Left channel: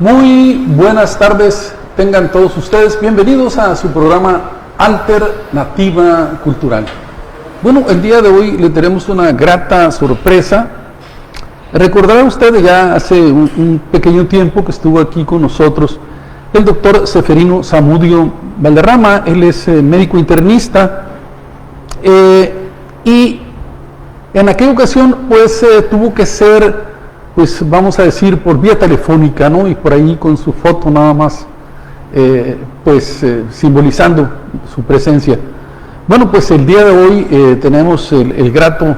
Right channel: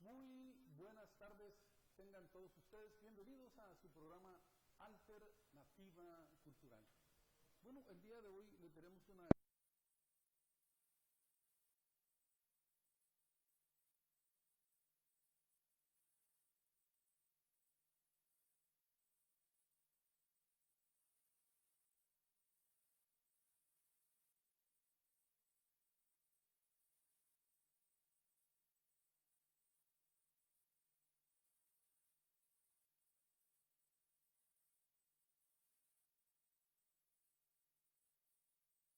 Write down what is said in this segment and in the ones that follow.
Muy buenas tardes, tengan todos ustedes bienvenidos a su programa Alternativa Cultural. Bueno, el día de hoy le tenemos una grata sorpresa. Recordará usted ya hace un pequeño tiempo que estuvo aquí con nosotros el doctor Seferino Zamudio Valderrama. Él es médico internista y en aquella ocasión pues tuvo que ser, pues vamos a decir, por vía telefónica, ¿no? Y por ahí con su foto nada más, simbolizando su presencia. Bueno, pues el día de hoy tenemos el grato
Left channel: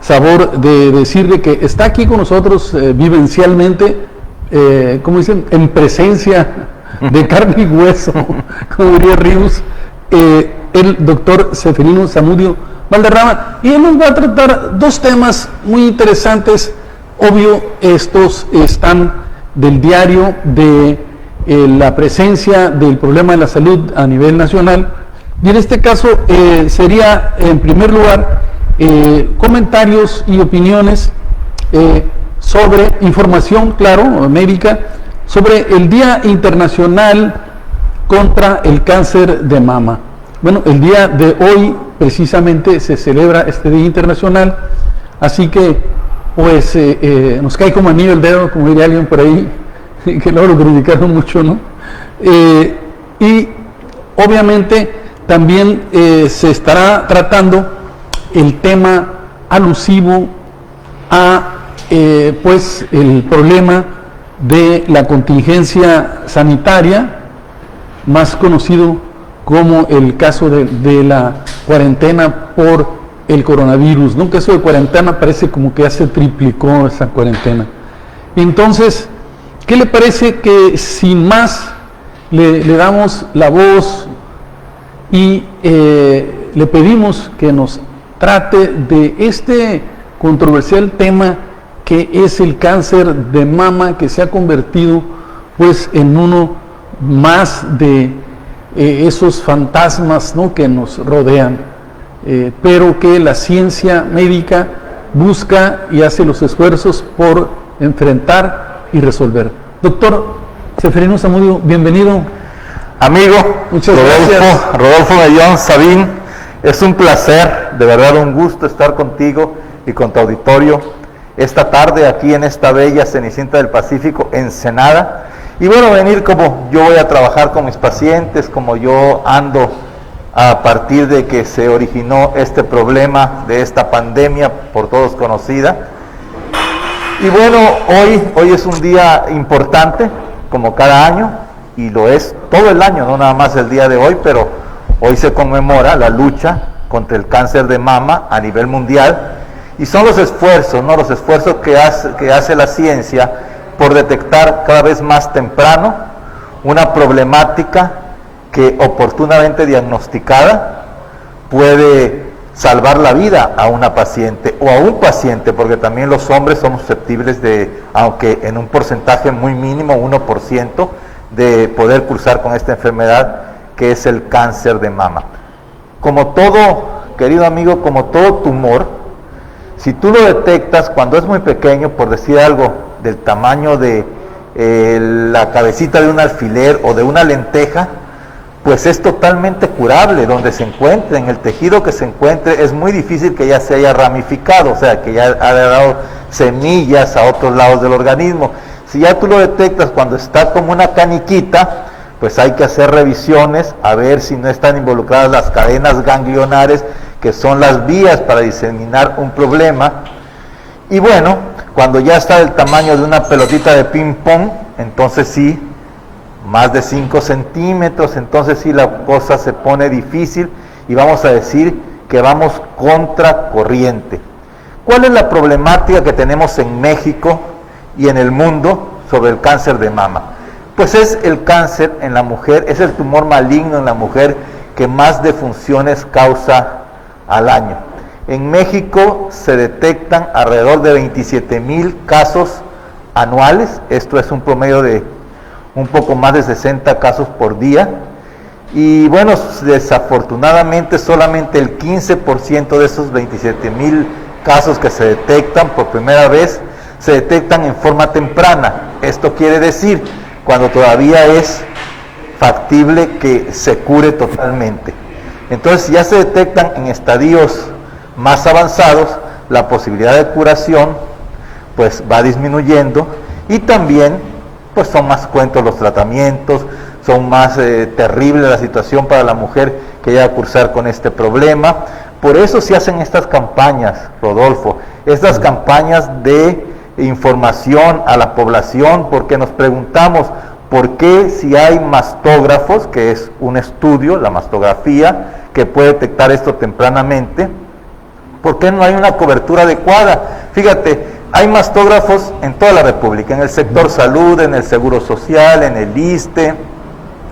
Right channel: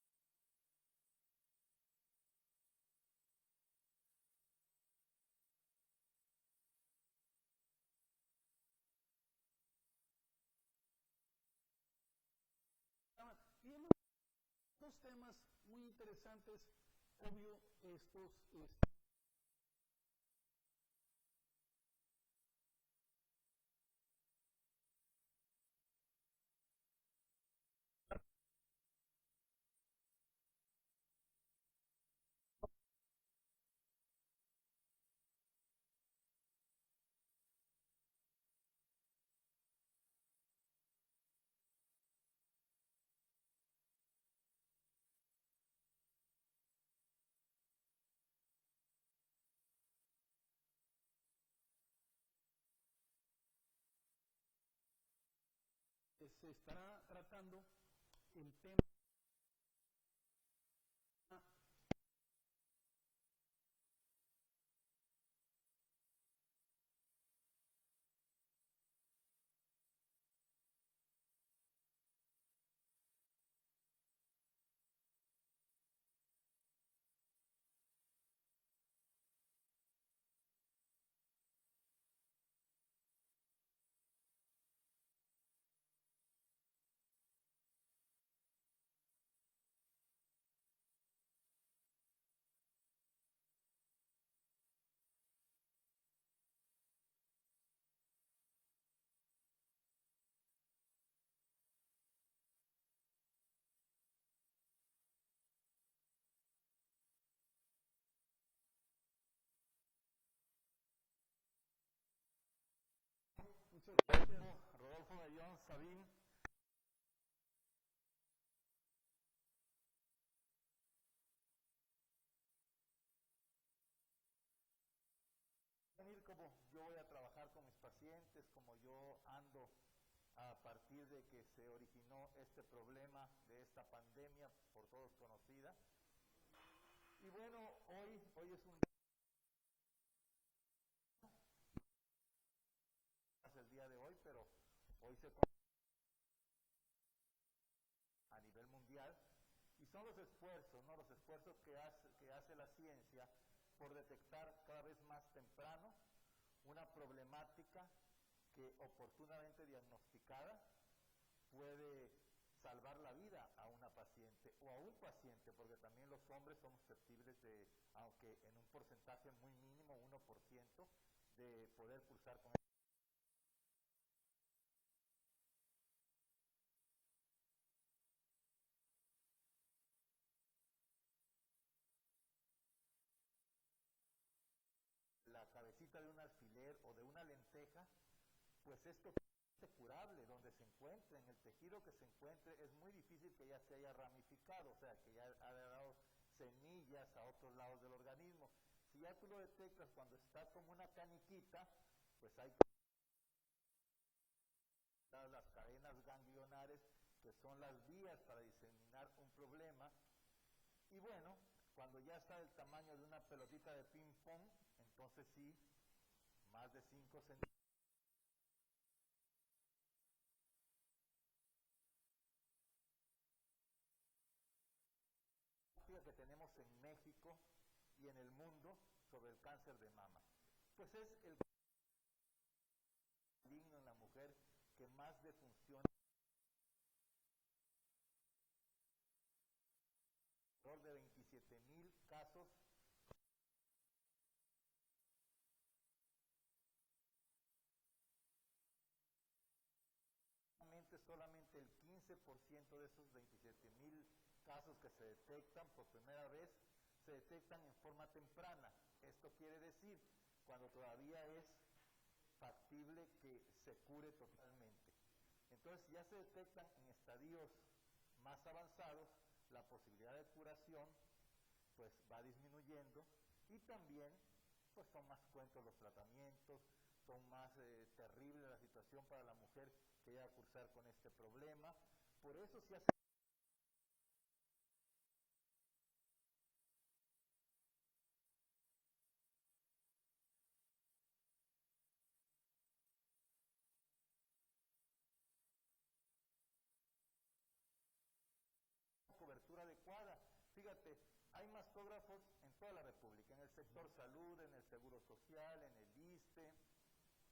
sabor de decirle que está aquí con nosotros vivencialmente, como dicen, en presencia de carne y hueso, como diría Ríos, el doctor Seferino Zamudio Valderrama, y él nos va a tratar dos temas muy interesantes. Obvio, estos están del diario de la presencia del problema de la salud a nivel nacional, y en este caso sería, en primer lugar, comentarios y opiniones sobre información, claro, médica, sobre el Día Internacional contra el Cáncer de Mama. Bueno, el día de hoy precisamente se celebra este Día Internacional, así que pues nos cae como anillo el dedo, como diría alguien por ahí, que luego lo criticaron mucho, ¿no? Y obviamente también se estará tratando el tema alusivo a pues el problema de la contingencia sanitaria, más conocido como el caso de la cuarentena por el coronavirus, ¿no? Que eso de cuarentena parece como que ya se triplicó esa cuarentena. Entonces, ¿qué le parece que sin más le damos la voz y le pedimos que nos trate de este controversial tema que es el cáncer de mama, que se ha convertido pues en uno más de esos fantasmas, ¿no?, que nos rodean, pero que la ciencia médica busca y hace los esfuerzos por enfrentar y resolver. Doctor Seferino Zamudio, bienvenido. Amigo, muchas gracias. Rodolfo Mellón Sabín, es un placer, de verdad un gusto estar contigo y con tu auditorio esta tarde aquí en esta bella Cenicienta del Pacífico, Ensenada. Y bueno, venir como yo voy a trabajar con mis pacientes, como yo ando a partir de que se originó este problema de esta pandemia por todos conocida. Y bueno, hoy es un día importante, como cada año, y lo es todo el año, no nada más el día de hoy, pero hoy se conmemora la lucha contra el cáncer de mama a nivel mundial, y son los esfuerzos, ¿no? Los esfuerzos que hace la ciencia por detectar cada vez más temprano una problemática que oportunamente diagnosticada puede salvar la vida a una paciente o a un paciente, porque también los hombres somos susceptibles de, aunque en un porcentaje muy mínimo, 1%, de poder cursar con esta enfermedad que es el cáncer de mama. Como todo, querido amigo, como todo tumor, si tú lo detectas cuando es muy pequeño, por decir algo, del tamaño de la cabecita de un alfiler o de una lenteja, pues es totalmente curable donde se encuentre, en el tejido que se encuentre. Es muy difícil que ya se haya ramificado, o sea, que ya haya dado semillas a otros lados del organismo. Si ya tú lo detectas cuando está como una caniquita, pues hay que hacer revisiones a ver si no están involucradas las cadenas ganglionares, que son las vías para diseminar un problema. Y bueno, cuando ya está del tamaño de una pelotita de ping pong, entonces sí, más de 5 centímetros, entonces sí la cosa se pone difícil y vamos a decir que vamos contra corriente. ¿Cuál es la problemática que tenemos en México y en el mundo sobre el cáncer de mama? Pues es el cáncer en la mujer, es el tumor maligno en la mujer que más defunciones causa al año. En México se detectan alrededor de 27,000 casos anuales, esto es un promedio de un poco más de 60 casos por día, y bueno, desafortunadamente solamente el 15% de esos 27,000 casos que se detectan por primera vez se detectan en forma temprana. Esto quiere decir cuando todavía es factible que se cure totalmente. Entonces, si ya se detectan en estadios más avanzados, la posibilidad de curación pues va disminuyendo, y también pues son más cruentos los tratamientos, son más terrible la situación para la mujer que llega a cursar con este problema. Por eso se hacen estas campañas, Rodolfo, estas campañas de información a la población, porque nos preguntamos por qué, si hay mastógrafos, que es un estudio, la mastografía, que puede detectar esto tempranamente, ¿por qué no hay una cobertura adecuada? Fíjate, hay mastógrafos en toda la República, en el sector salud, en el Seguro Social, en el ISSSTE,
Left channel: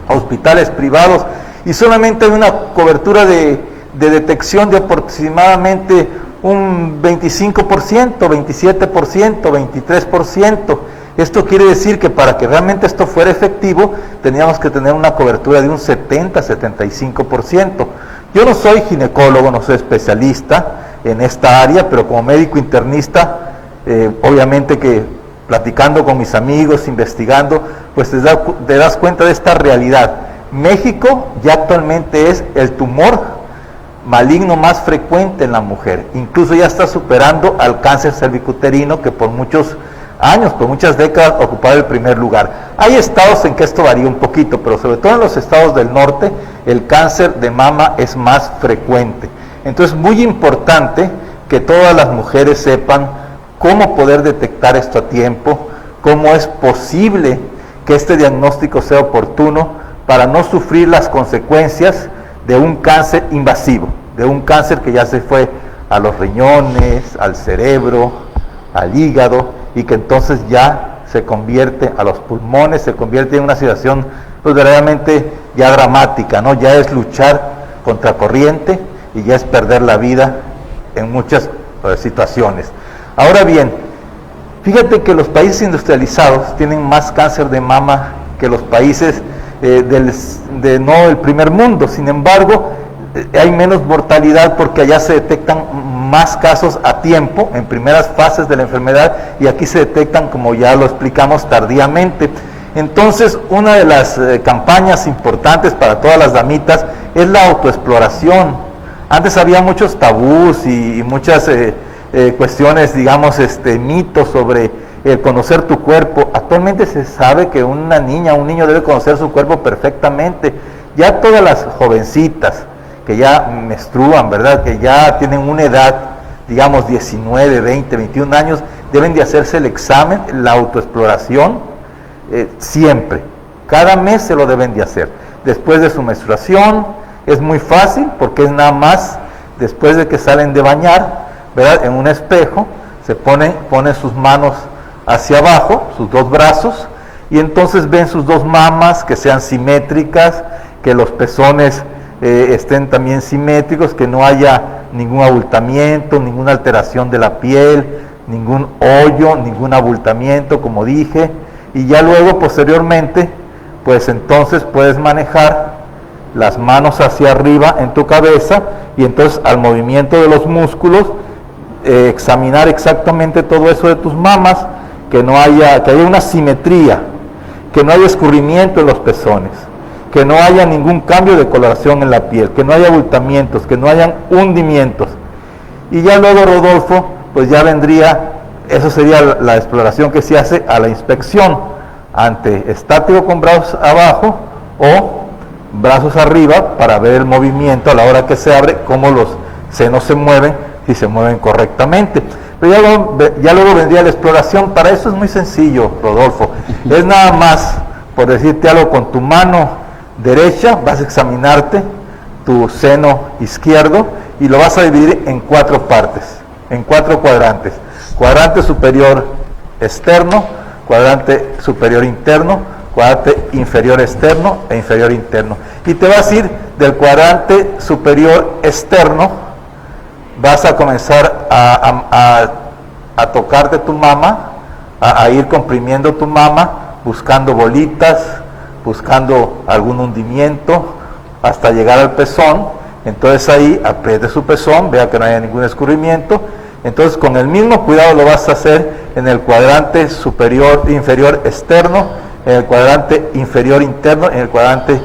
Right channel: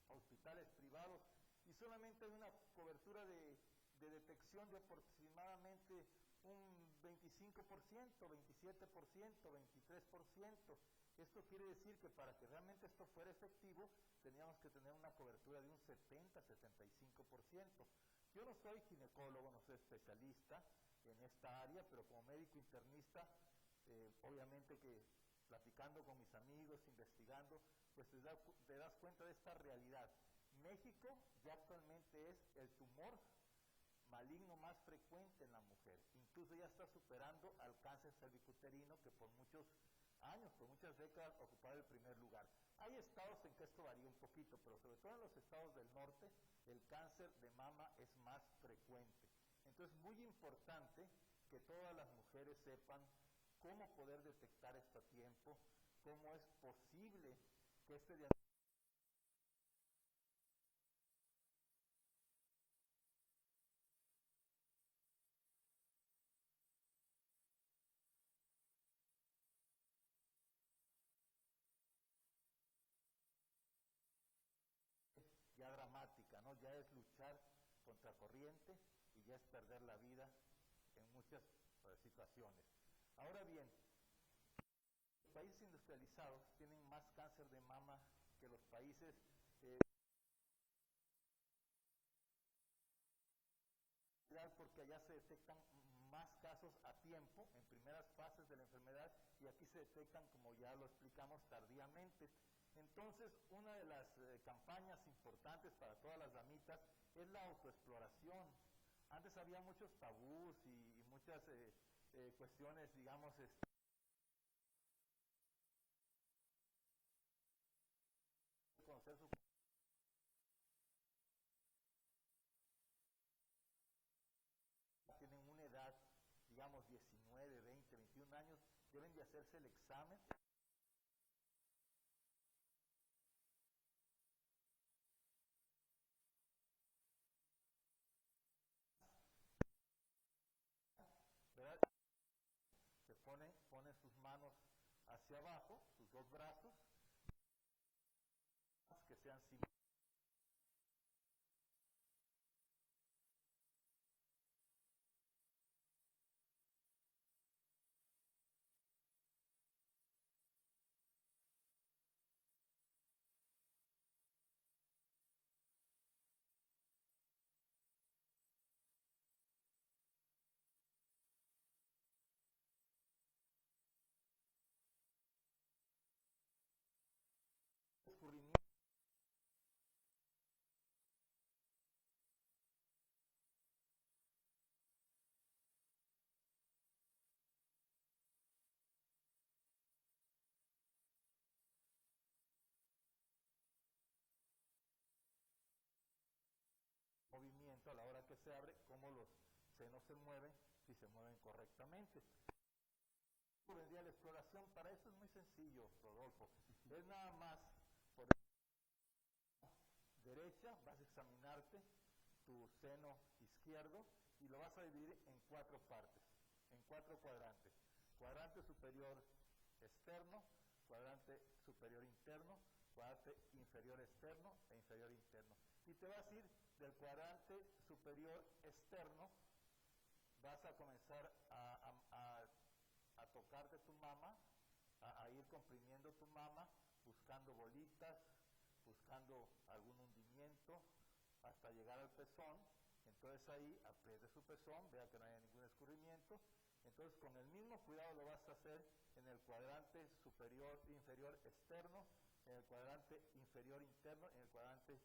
hospitales privados, y solamente hay una cobertura de detección de aproximadamente un 25%, 27%, 23%. Esto quiere decir que para que realmente esto fuera efectivo, teníamos que tener una cobertura de un 70, 75%. Yo no soy ginecólogo, no soy especialista en esta área, pero como médico internista, obviamente que platicando con mis amigos, investigando, pues te das cuenta de esta realidad. México ya actualmente es el tumor maligno más frecuente en la mujer, incluso ya está superando al cáncer cervicuterino, que por muchos años, por muchas décadas ocupaba el primer lugar. Hay estados en que esto varía un poquito, pero sobre todo en los estados del norte, el cáncer de mama es más frecuente. Entonces, muy importante que todas las mujeres sepan cómo poder detectar esto a tiempo, cómo es posible que este diagnóstico sea oportuno para no sufrir las consecuencias de un cáncer invasivo, de un cáncer que ya se fue a los riñones, al cerebro, al hígado, y que entonces ya se convierte a los pulmones, se convierte en una situación pues verdaderamente ya dramática, ¿no? Ya es luchar contra corriente y ya es perder la vida en muchas situaciones. Ahora bien, fíjate que los países industrializados tienen más cáncer de mama que los países no el primer mundo. Sin embargo, hay menos mortalidad porque allá se detectan más casos a tiempo, en primeras fases de la enfermedad, y aquí se detectan, como ya lo explicamos, tardíamente. Entonces, una de las campañas importantes para todas las damitas es la autoexploración. Antes había muchos tabús y muchas cuestiones, digamos, mitos sobre el conocer tu cuerpo. Actualmente se sabe que una niña, un niño debe conocer su cuerpo perfectamente. Ya todas las jovencitas que ya menstruan, ¿verdad?, que ya tienen una edad, digamos 19, 20, 21 años, deben de hacerse el examen, la autoexploración, siempre. Cada mes se lo deben de hacer. Después de su menstruación, es muy fácil porque es nada más después de que salen de bañar, ¿verdad?, en un espejo, se ponen sus manos hacia abajo, sus dos brazos, y entonces ven sus dos mamas que sean simétricas, que los pezones estén también simétricos, que no haya ningún abultamiento, ninguna alteración de la piel, ningún hoyo, ningún abultamiento, como dije, y ya luego posteriormente, pues entonces puedes manejar las manos hacia arriba en tu cabeza, y entonces al movimiento de los músculos, examinar exactamente todo eso de tus mamas, que haya una simetría, que no haya escurrimiento en los pezones, que no haya ningún cambio de coloración en la piel, que no haya abultamientos, que no hayan hundimientos. Y ya luego, Rodolfo, pues ya vendría, eso sería la exploración que se hace a la inspección, ante estático con brazos abajo o brazos arriba, para ver el movimiento a la hora que se abre, cómo los senos se mueven, si se mueven correctamente. Pero ya luego vendría la exploración. Para eso es muy sencillo, Rodolfo. Es nada más, por decirte algo, con tu mano derecha vas a examinarte tu seno izquierdo y lo vas a dividir en 4 partes, en 4 cuadrantes. Cuadrante superior externo, cuadrante superior interno, cuadrante inferior externo e inferior interno. Y te vas a ir del cuadrante superior externo, vas a comenzar a tocarte tu mama, a ir comprimiendo tu mama, buscando bolitas, buscando algún hundimiento, hasta llegar al pezón. Entonces ahí apriete su pezón, vea que no haya ningún escurrimiento. Entonces con el mismo cuidado lo vas a hacer en el cuadrante superior, inferior externo, en el cuadrante inferior interno, en el cuadrante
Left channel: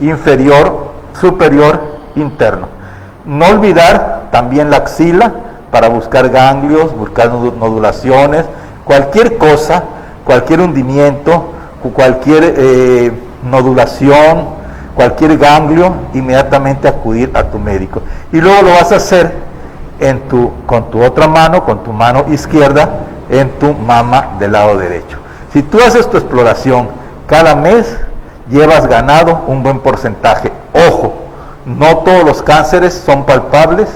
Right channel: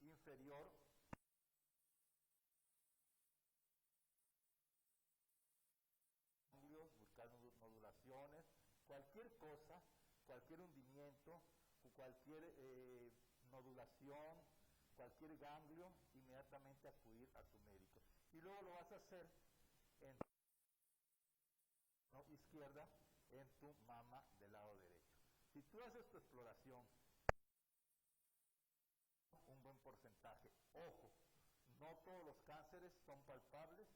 inferior superior interno. No olvidar también la axila para buscar ganglios, buscar nodulaciones, cualquier cosa, cualquier hundimiento, cualquier nodulación, cualquier ganglio, inmediatamente acudir a tu médico. Y luego lo vas a hacer con tu otra mano, con tu mano izquierda, en tu mama del lado derecho. Si tú haces tu exploración cada mes, llevas ganado un buen porcentaje. Ojo, no todos los cánceres son palpables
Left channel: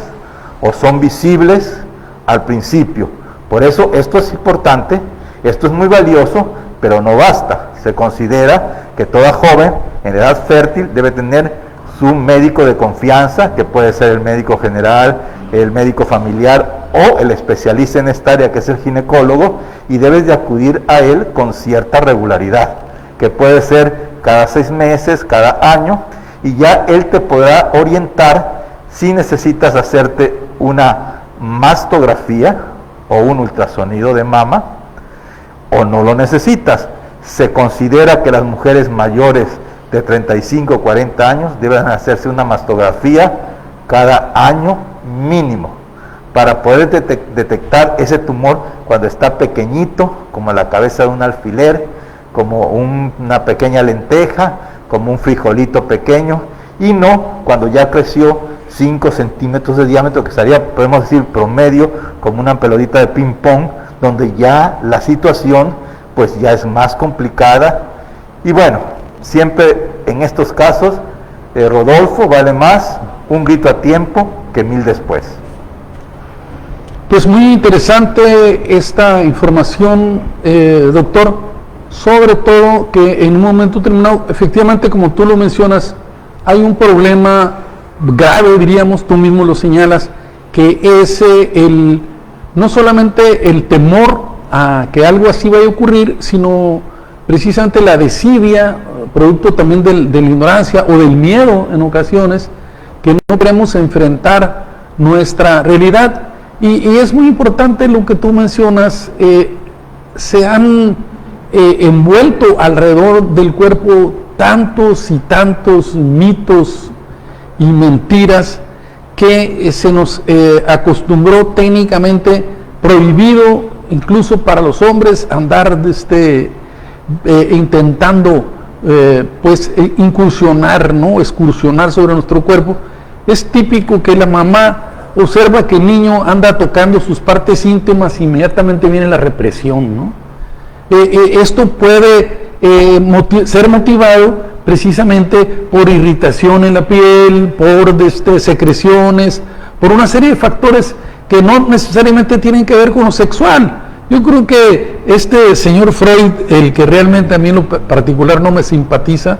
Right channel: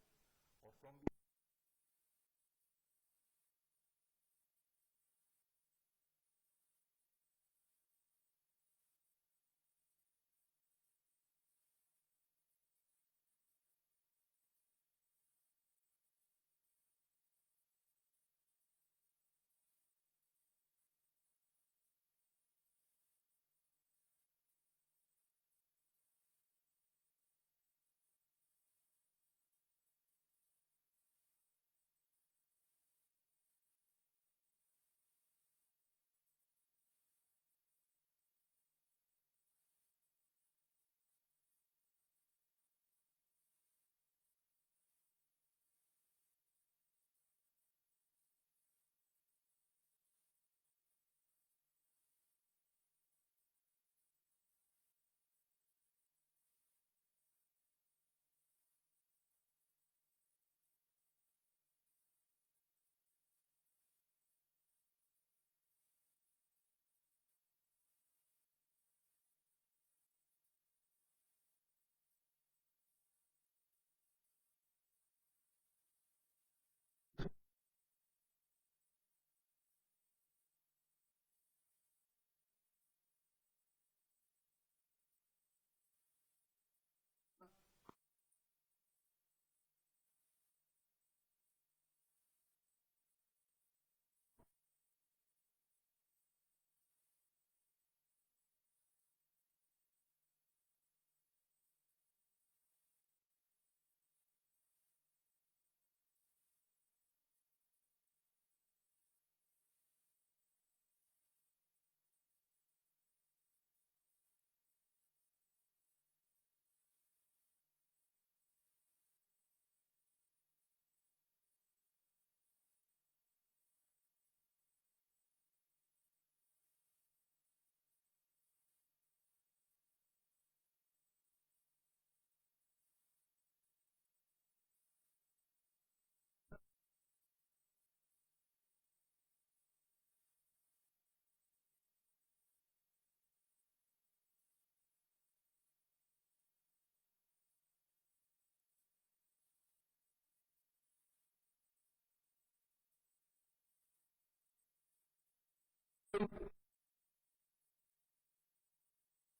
o son visibles al principio. Por eso esto es importante, esto es muy valioso, pero no basta. Se considera que toda joven en edad fértil debe tener su médico de confianza, que puede ser el médico general, el médico familiar o el especialista en esta área, que es el ginecólogo, y debes de acudir a él con cierta regularidad, que puede ser cada 6 meses, cada año, y ya él te podrá orientar si necesitas hacerte una mastografía o un ultrasonido de mama o no lo necesitas. Se considera que las mujeres mayores de 35 o 40 años deben hacerse una mastografía cada año mínimo para poder detectar ese tumor cuando está pequeñito, como la cabeza de un alfiler, como una pequeña lenteja, como un frijolito pequeño, y no cuando ya creció 5 centímetros de diámetro, que sería, podemos decir, promedio, como una pelotita de ping pong, donde ya la situación pues ya es más complicada. Y bueno, siempre en estos casos, Rodolfo, vale más un grito a tiempo que 1000 después. Pues muy interesante esta información, doctor, sobre todo que en un momento determinado, efectivamente, como tú lo mencionas, hay un problema grave, diríamos, tú mismo lo señalas, que es no solamente el temor a que algo así vaya a ocurrir, sino precisamente la desidia, producto también de la ignorancia o del miedo en ocasiones, que no queremos enfrentar nuestra realidad. Y es muy importante lo que tú mencionas, se han envuelto alrededor del cuerpo tantos y tantos mitos y mentiras que se nos acostumbró técnicamente prohibido, incluso para los hombres, andar intentando incursionar, ¿no? Excursionar sobre nuestro cuerpo. Es típico que la mamá observa que el niño anda tocando sus partes íntimas e inmediatamente viene la represión, ¿no? Esto puede ser motivado precisamente por irritación en la piel, por secreciones, por una serie de factores que no necesariamente tienen que ver con lo sexual. Yo creo que este señor Freud, el que realmente a mí en lo particular no me simpatiza,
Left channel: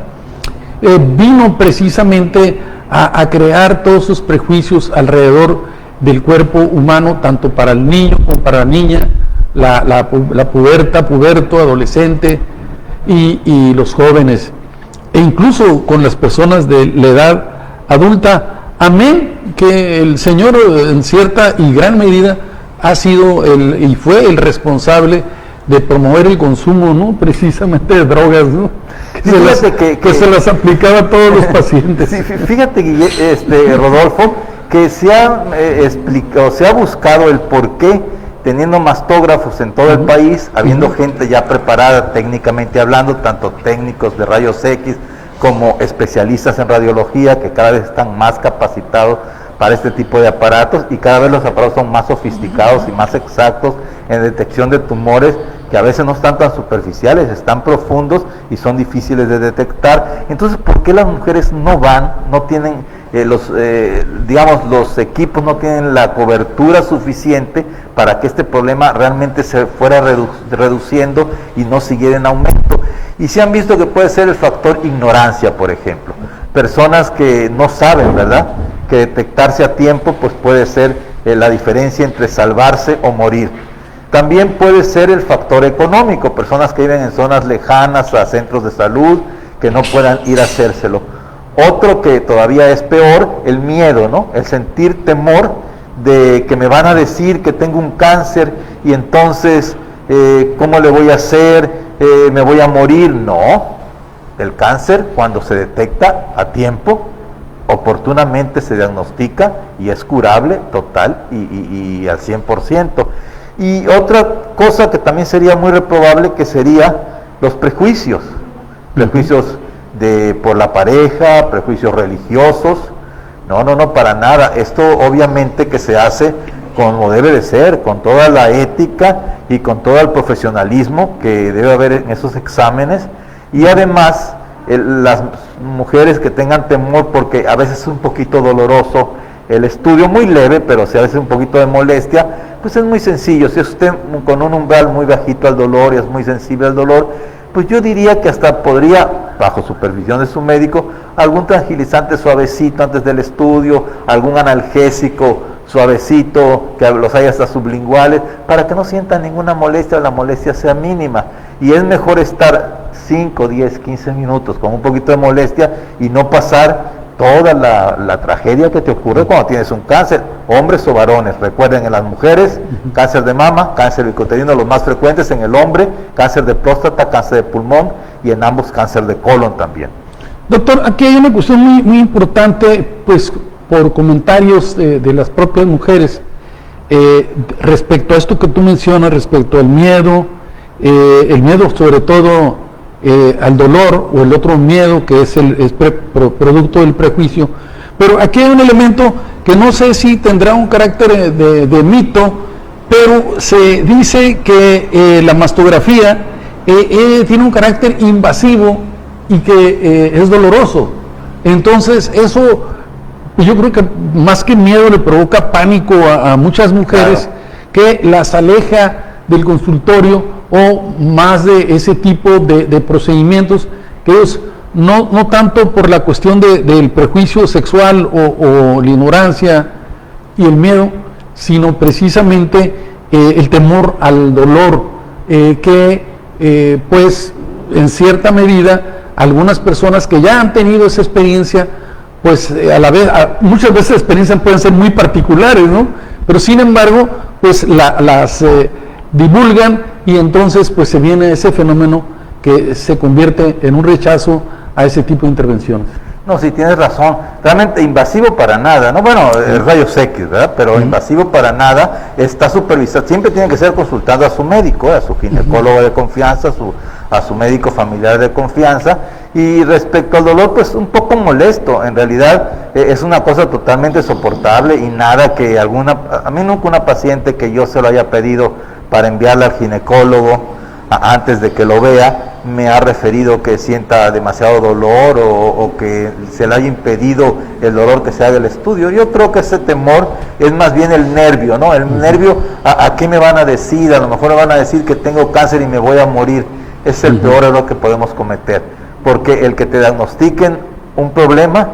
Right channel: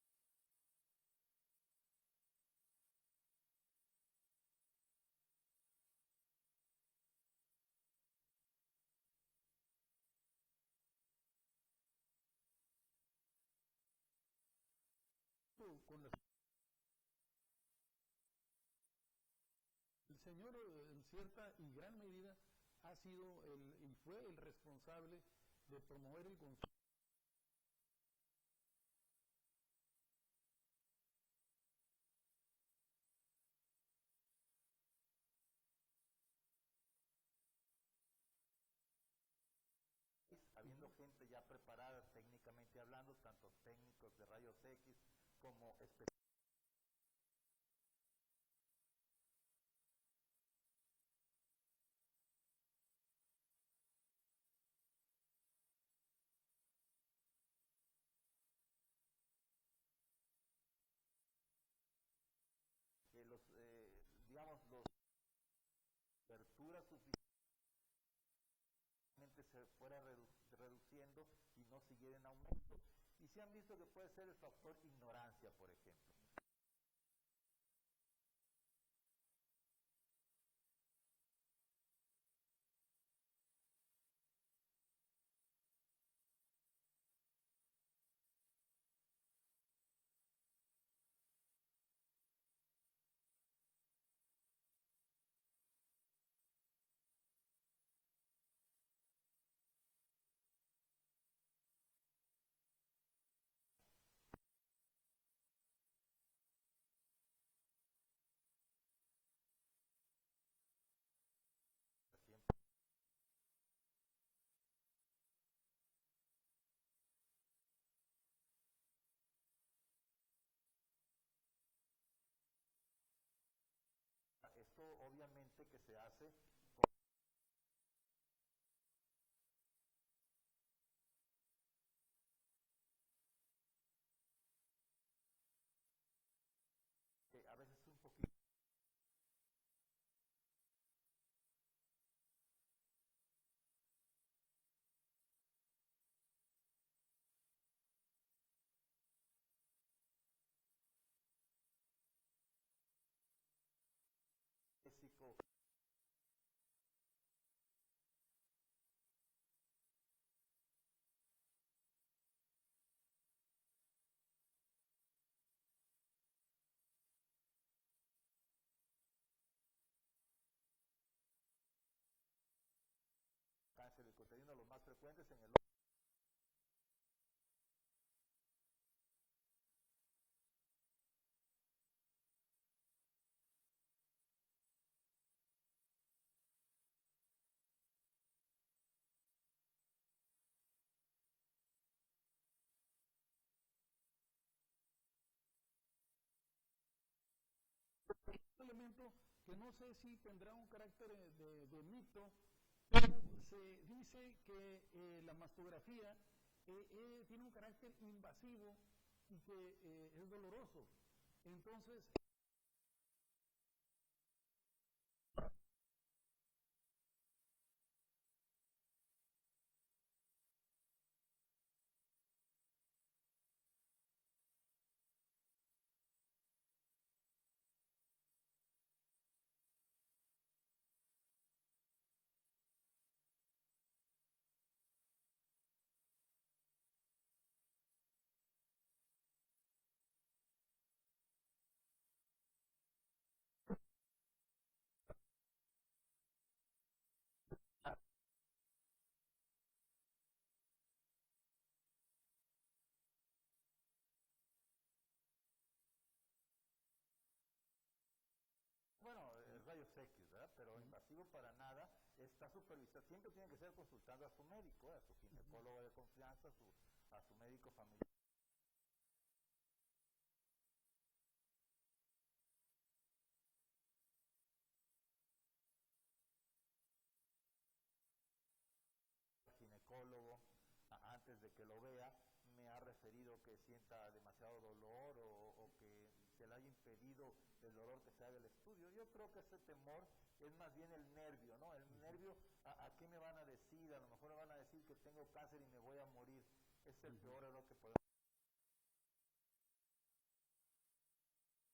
vino precisamente a crear todos esos prejuicios alrededor del cuerpo humano, tanto para el niño como para la niña, la puberto, adolescente y los jóvenes, e incluso con las personas de la edad adulta. Amén que el Señor en cierta y gran medida ha sido y fue el responsable de promover el consumo, ¿no? Precisamente de drogas, ¿no? Que se las aplicaba a todos los pacientes. Sí, fíjate, Rodolfo, que se ha buscado el porqué, teniendo mastógrafos en todo el país, habiendo gente ya preparada técnicamente hablando, tanto técnicos de rayos X como especialistas en radiología, que cada vez están más capacitados para este tipo de aparatos, y cada vez los aparatos son más sofisticados y más exactos en detección de tumores, que a veces no están tan superficiales, están profundos y son difíciles de detectar. Entonces, ¿por qué las mujeres no van, no tienen los equipos, no tienen la cobertura suficiente para que este problema realmente se fuera reduciendo y no siguiera en aumento? Y se han visto que puede ser el factor ignorancia, por ejemplo. Personas que no saben, ¿verdad?, que detectarse a tiempo pues puede ser la diferencia entre salvarse o morir. También puede ser el factor económico, personas que viven en zonas lejanas a centros de salud, que no puedan ir a hacérselo. Otro que todavía es peor, el miedo, ¿no? El sentir temor de que me van a decir que tengo un cáncer y entonces, ¿cómo le voy a hacer? me voy a morir. No, el cáncer, cuando se detecta a tiempo, oportunamente se diagnostica y es curable total y al 100%. Y otra cosa que también sería muy reprobable, que sería los prejuicios, prejuicios por la pareja, prejuicios religiosos. No, para nada. Esto obviamente que se hace como debe de ser, con toda la ética y con todo el profesionalismo que debe haber en esos exámenes. Y además, las mujeres que tengan temor, porque a veces es un poquito doloroso el estudio, muy leve, pero si a veces un poquito de molestia, pues es muy sencillo. Si es usted con un umbral muy bajito al dolor y es muy sensible al dolor, pues yo diría que hasta podría, bajo supervisión de su médico, algún tranquilizante suavecito antes del estudio, algún analgésico suavecito, que los haya hasta sublinguales, para que no sientan ninguna molestia o la molestia sea mínima. Y es mejor estar 5, 10, 15 minutos con un poquito de molestia y no pasar toda la tragedia que te ocurre cuando tienes un cáncer, hombres o varones. Recuerden, en las mujeres, cáncer de mama, cáncer bicuterino, los más frecuentes; en el hombre, cáncer de próstata, cáncer de pulmón, y en ambos cáncer de colon también. Doctor, aquí hay una cuestión muy importante, pues por comentarios de las propias mujeres, respecto a esto que tú mencionas, respecto al miedo, el miedo sobre todo al dolor, o el otro miedo que es producto del prejuicio. Pero aquí hay un elemento que no sé si tendrá un carácter de mito, pero se dice que la mastografía tiene un carácter invasivo y que es doloroso. Entonces eso, yo creo que más que miedo le provoca pánico a muchas mujeres, claro, que las aleja del consultorio o más de ese tipo de procedimientos, que ellos no tanto por la cuestión del prejuicio sexual o la ignorancia y el miedo, sino precisamente el temor al dolor, que pues en cierta medida algunas personas que ya han tenido esa experiencia, pues a la vez, muchas veces las experiencias pueden ser muy particulares, ¿no? Pero sin embargo, pues las divulgan, y entonces pues se viene ese fenómeno que se convierte en un rechazo a ese tipo de intervenciones. No, sí, tienes razón. Realmente invasivo para nada, ¿no? Bueno, rayos X, ¿verdad? Pero invasivo para nada, está supervisado. Siempre tiene que ser consultando a su médico, a su ginecólogo de confianza, a su médico familiar de confianza. Y respecto al dolor, pues un poco molesto. En realidad es una cosa totalmente soportable y nada que a mí nunca una paciente que yo se lo haya pedido para enviarla al ginecólogo antes de que lo vea, me ha referido que sienta demasiado dolor o que se le haya impedido el dolor que se haga el estudio. Yo creo que ese temor es más bien el nervio, ¿no? El nervio, ¿a qué me van a decir? A lo mejor me van a decir que tengo cáncer y me voy a morir. Es el peor error que podemos cometer, porque el que te diagnostiquen un problema,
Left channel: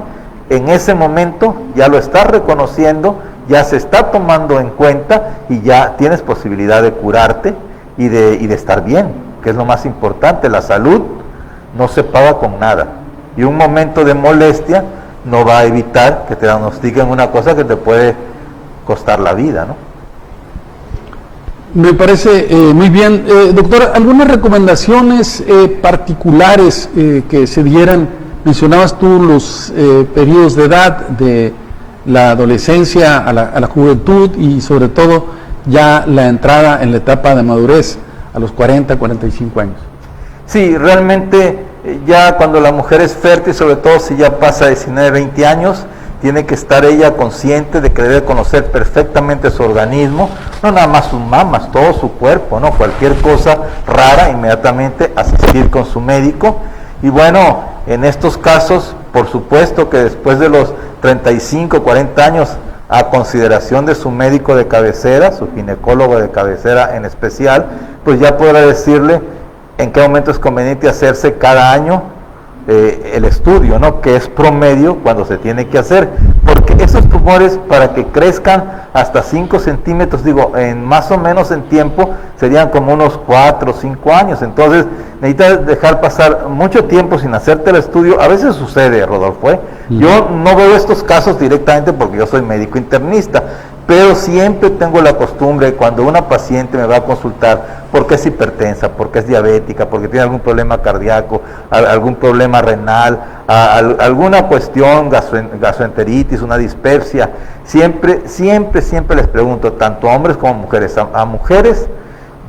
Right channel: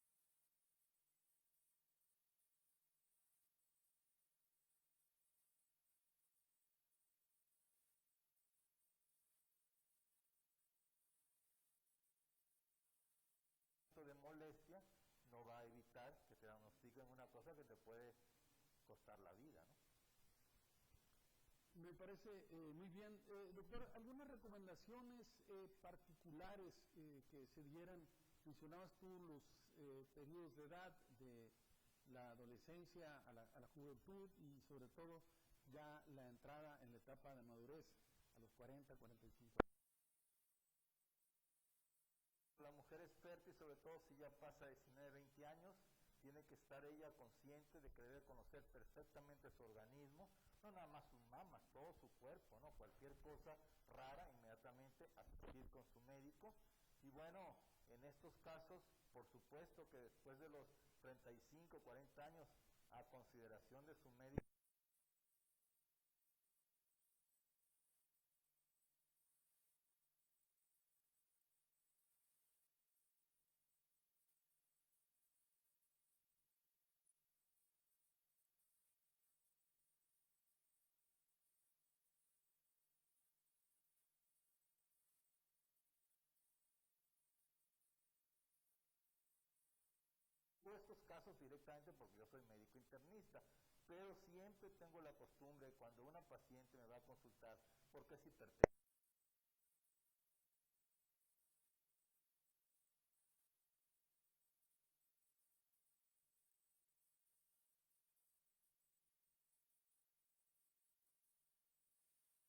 en ese momento ya lo estás reconociendo, ya se está tomando en cuenta y ya tienes posibilidad de curarte y de estar bien, que es lo más importante. La salud no se paga con nada, y un momento de molestia no va a evitar que te diagnostiquen una cosa que te puede costar la vida, ¿no? Me parece muy bien. Doctor, ¿algunas recomendaciones particulares que se dieran? Mencionabas tú los periodos de edad, de la adolescencia a la juventud, y sobre todo ya la entrada en la etapa de madurez a los 40, 45 años. Sí, realmente ya cuando la mujer es fértil, sobre todo si ya pasa 19, 20 años, tiene que estar ella consciente de que debe conocer perfectamente su organismo, no nada más sus mamas, todo su cuerpo, ¿no? Cualquier cosa rara, inmediatamente asistir con su médico. Y bueno, en estos casos, por supuesto que después de los 35, 40 años, a consideración de su médico de cabecera, su ginecólogo de cabecera en especial, pues ya podrá decirle en qué momento es conveniente hacerse cada año el estudio, ¿no? Que es promedio cuando se tiene que hacer, porque esos tumores, para que crezcan hasta 5 centímetros, digo, en más o menos en tiempo, serían como unos 4 o 5 años. Entonces necesitas dejar pasar mucho tiempo sin hacerte el estudio. A veces sucede, Rodolfo, Yo no veo estos casos directamente porque yo soy médico internista, pero siempre tengo la costumbre, cuando una paciente me va a consultar, porque es hipertensa, porque es diabética, porque tiene algún problema cardíaco, algún problema renal, alguna cuestión, gastroenteritis, una dispepsia, siempre les pregunto, tanto a hombres como a mujeres. A mujeres,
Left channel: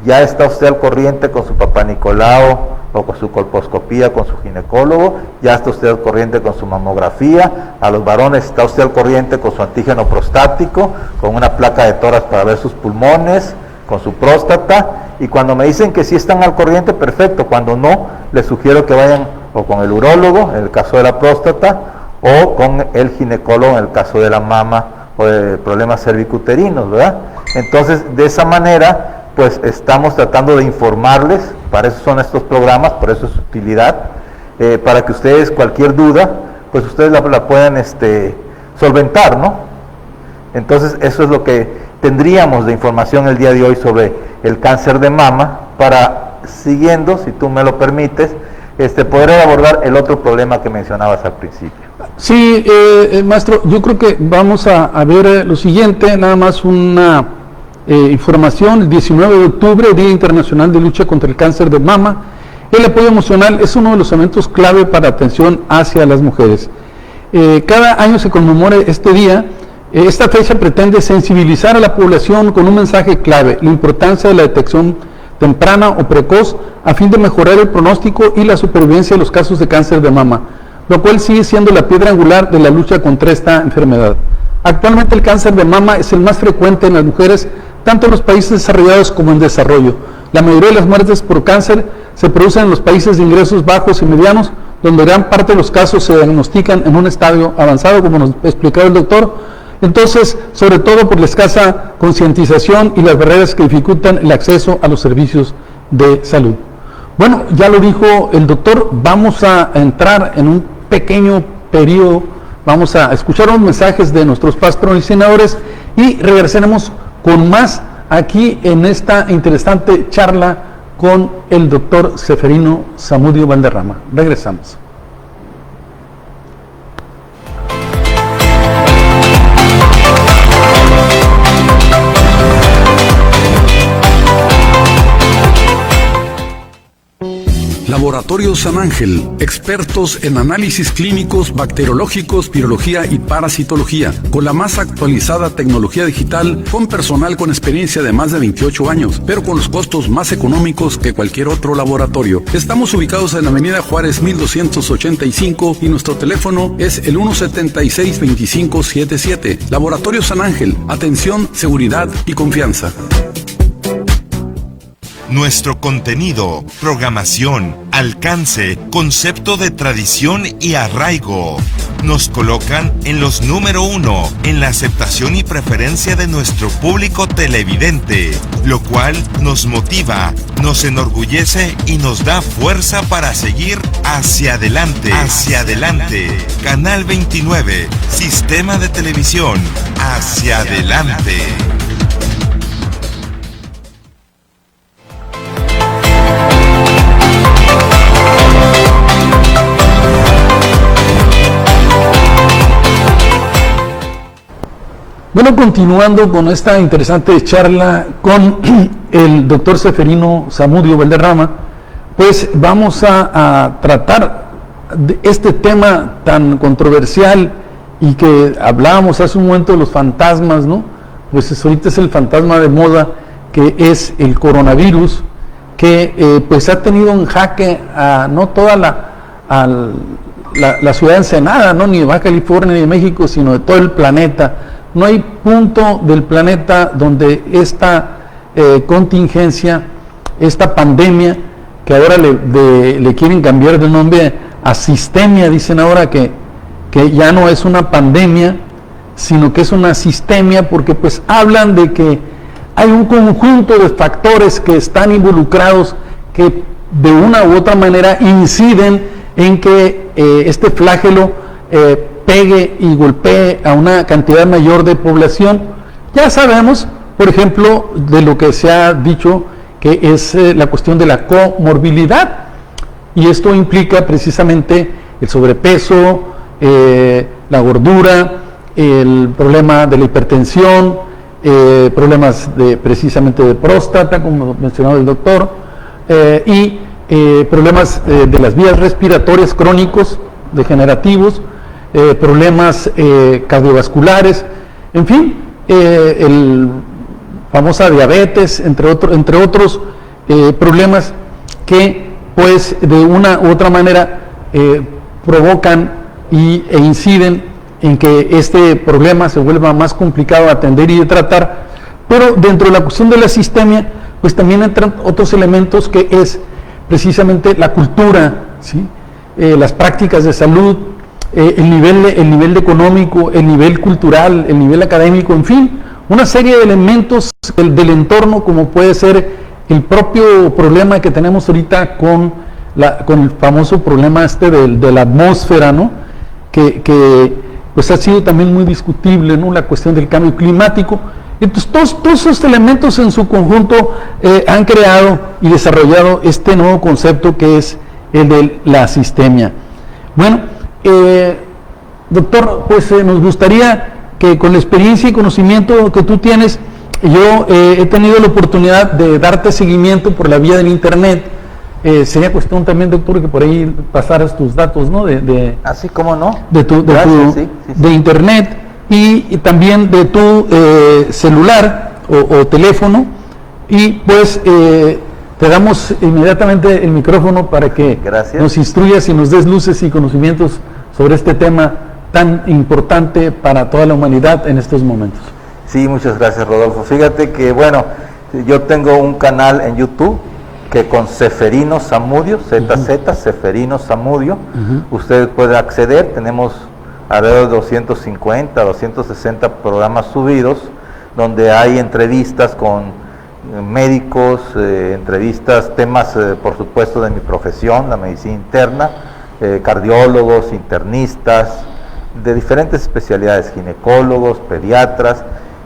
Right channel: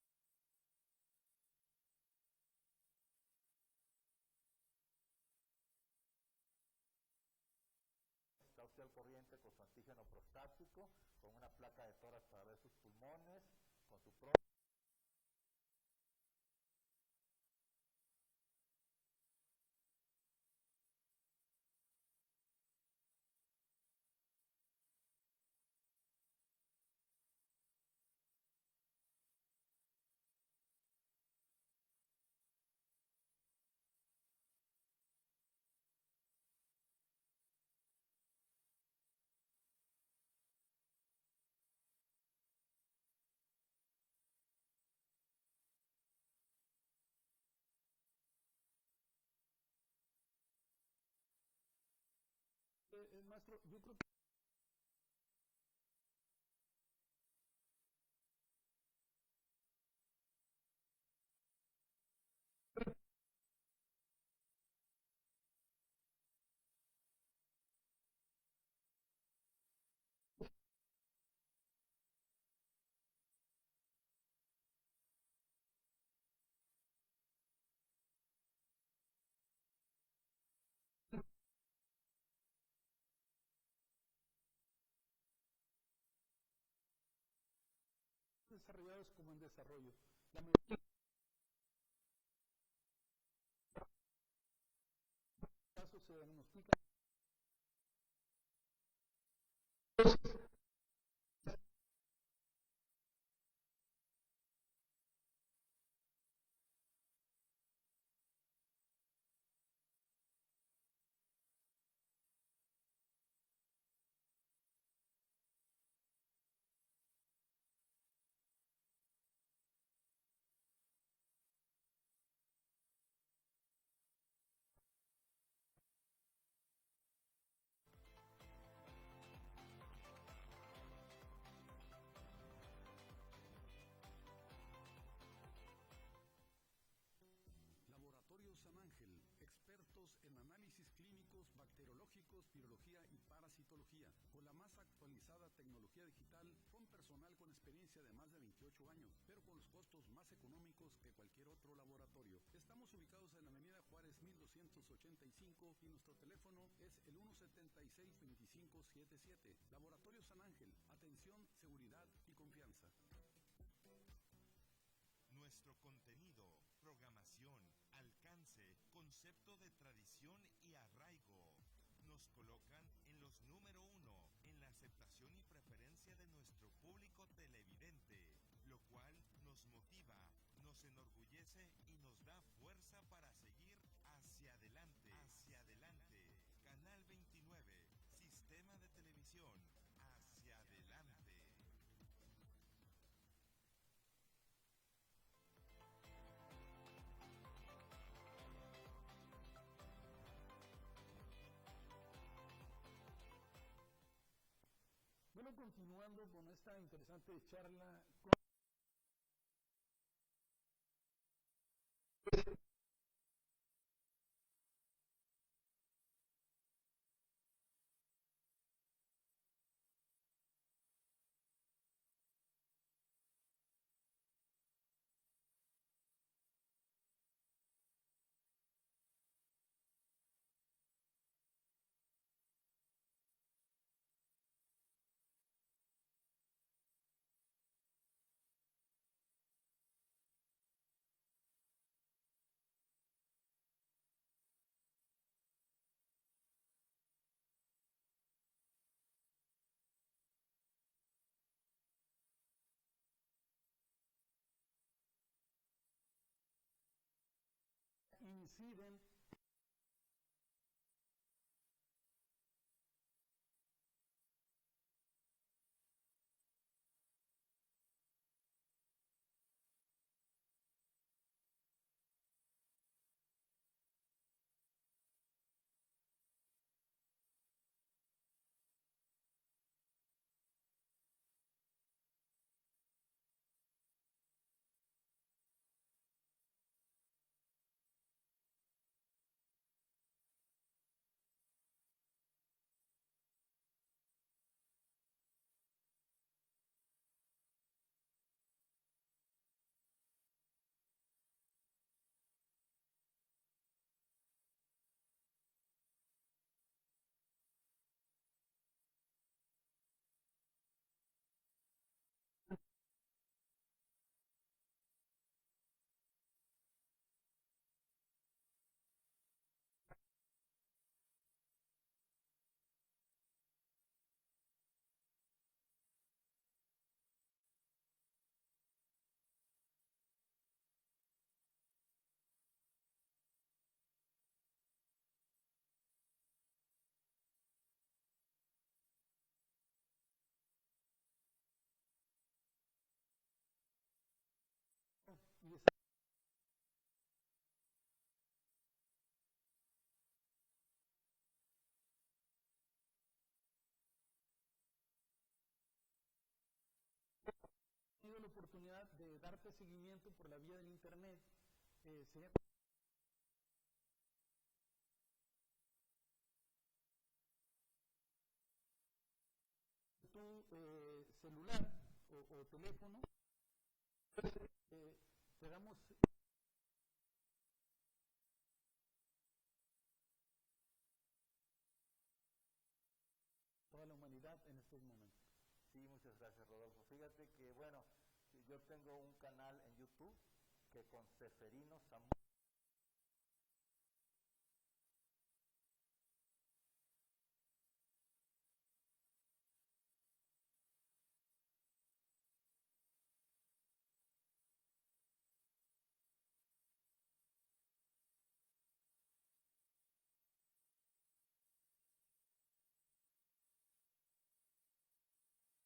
¿ya está usted al corriente con su papá Nicolau, o con su colposcopía, con su ginecólogo? ¿Ya está usted al corriente con su mamografía? A los varones, ¿está usted al corriente con su antígeno prostático, con una placa de tórax para ver sus pulmones, con su próstata? Y cuando me dicen que sí están al corriente, perfecto. Cuando no, les sugiero que vayan o con el urólogo, en el caso de la próstata, o con el ginecólogo, en el caso de la mama, o de problemas cervicuterinos, ¿verdad? Entonces, de esa manera, pues estamos tratando de informarles, para eso son estos programas, por eso es su utilidad, para que ustedes, cualquier duda, pues ustedes la puedan solventar, ¿no? Entonces, eso es lo que tendríamos de información el día de hoy sobre el cáncer de mama, para, siguiendo, si tú me lo permites, poder abordar el otro problema que mencionabas al principio. Sí, maestro, yo creo que vamos a ver lo siguiente, nada más una información. El 19 de octubre, Día Internacional de Lucha contra el Cáncer de Mama. El apoyo emocional es uno de los elementos clave para atención hacia las mujeres. Cada año se conmemora este día. Esta fecha pretende sensibilizar a la población con un mensaje clave: la importancia de la detección temprana o precoz a fin de mejorar el pronóstico y la supervivencia de los casos de cáncer de mama, lo cual sigue siendo la piedra angular de la lucha contra esta enfermedad. Actualmente el cáncer de mama es el más frecuente en las mujeres, tanto en los países desarrollados como en desarrollo. La mayoría de las muertes por cáncer se producen en los países de ingresos bajos y medianos, donde gran parte de los casos se diagnostican en un estadio avanzado, como nos explicaba el doctor. Entonces, sobre todo por la escasa concientización y las barreras que dificultan el acceso a los servicios de salud. Bueno, ya lo dijo el doctor, vamos a entrar en un pequeño periodo, vamos a escuchar unos mensajes de nuestros patrocinadores y regresaremos con más aquí en esta interesante charla con el doctor Seferino Zamudio Valderrama. Regresamos. Laboratorio San Ángel, expertos en análisis clínicos, bacteriológicos, virología y parasitología, con la más actualizada tecnología digital, con personal con experiencia de más de 28 años, pero con los costos más económicos que cualquier otro laboratorio. Estamos ubicados en la Avenida Juárez 1285 y nuestro teléfono es el 176-2577. Laboratorio San Ángel, atención, seguridad y confianza. Nuestro contenido, programación, alcance, concepto de tradición y arraigo nos colocan en los número 1 en la aceptación y preferencia de nuestro público televidente, lo cual nos motiva, nos enorgullece y nos da fuerza para seguir hacia adelante. Hacia adelante. Canal 29, Sistema de Televisión. Hacia adelante. Bueno, continuando con esta interesante charla con el doctor Seferino Zamudio Valderrama, pues vamos a tratar de este tema tan controversial y que hablábamos hace un momento de los fantasmas, ¿no? Pues ahorita es el fantasma de moda, que es el coronavirus, que pues ha tenido en jaque a no toda la ciudad de Ensenada, ¿no? Ni de Baja California ni de México, sino de todo el planeta. No hay punto del planeta donde esta contingencia, esta pandemia, que ahora le quieren cambiar de nombre a sistemia, dicen ahora que ya no es una pandemia, sino que es una sistemia, porque pues hablan de que hay un conjunto de factores que están involucrados, que de una u otra manera inciden en que este flagelo pegue y golpee a una cantidad mayor de población. Ya sabemos, por ejemplo, de lo que se ha dicho, que es la cuestión de la comorbilidad, y esto implica precisamente el sobrepeso, la gordura, el problema de la hipertensión, problemas precisamente de próstata, como mencionaba el doctor, y problemas de las vías respiratorias crónicos, degenerativos, problemas cardiovasculares, en fin, famosa diabetes, entre otros problemas que pues de una u otra manera provocan e inciden en que este problema se vuelva más complicado de atender y de tratar. Pero dentro de la cuestión de la sistemia, pues también entran otros elementos, que es precisamente la cultura, ¿sí? Las prácticas de salud, el nivel económico, el nivel cultural, el nivel académico, en fin, una serie de elementos del entorno, como puede ser el propio problema que tenemos ahorita con el famoso problema de la atmósfera, ¿no? Que pues ha sido también muy discutible, ¿no? La cuestión del cambio climático. Entonces todos esos elementos en su conjunto han creado y desarrollado este nuevo concepto, que es el de la sistemia. Bueno, doctor, pues nos gustaría que, con la experiencia y conocimiento que tú tienes, yo he tenido la oportunidad de darte seguimiento por la vía del internet. Sería cuestión también, doctor, que por ahí pasaras tus datos, ¿no? Así como no. De internet y también de tu celular o teléfono, y pues te damos inmediatamente el micrófono para que nos instruyas y nos des luces y conocimientos sobre este tema tan importante para toda la humanidad en estos momentos. Sí, muchas gracias, Rodolfo. Fíjate que, bueno, yo tengo un canal en YouTube que con Ceferino Zamudio, ZZ, Ceferino Zamudio, ustedes pueden acceder. Tenemos alrededor de 250, 260 programas subidos, donde hay entrevistas con médicos, entrevistas, temas, por supuesto, de mi profesión, la medicina interna, cardiólogos, internistas, de diferentes especialidades, ginecólogos, pediatras,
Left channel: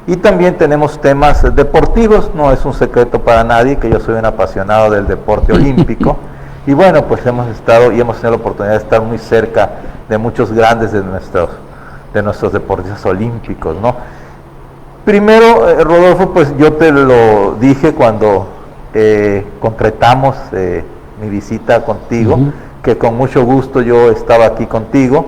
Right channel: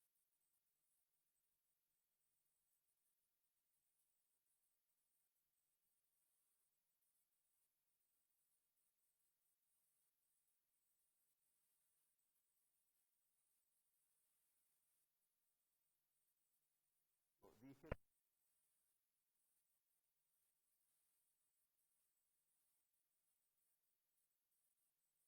y también tenemos temas deportivos. No es un secreto para nadie que yo soy un apasionado del deporte olímpico, y bueno, pues hemos tenido la oportunidad de estar muy cerca de muchos grandes de nuestros deportistas olímpicos, ¿no? Primero, Rodolfo, pues yo te lo dije cuando concretamos mi visita contigo, que con mucho gusto yo estaba aquí contigo.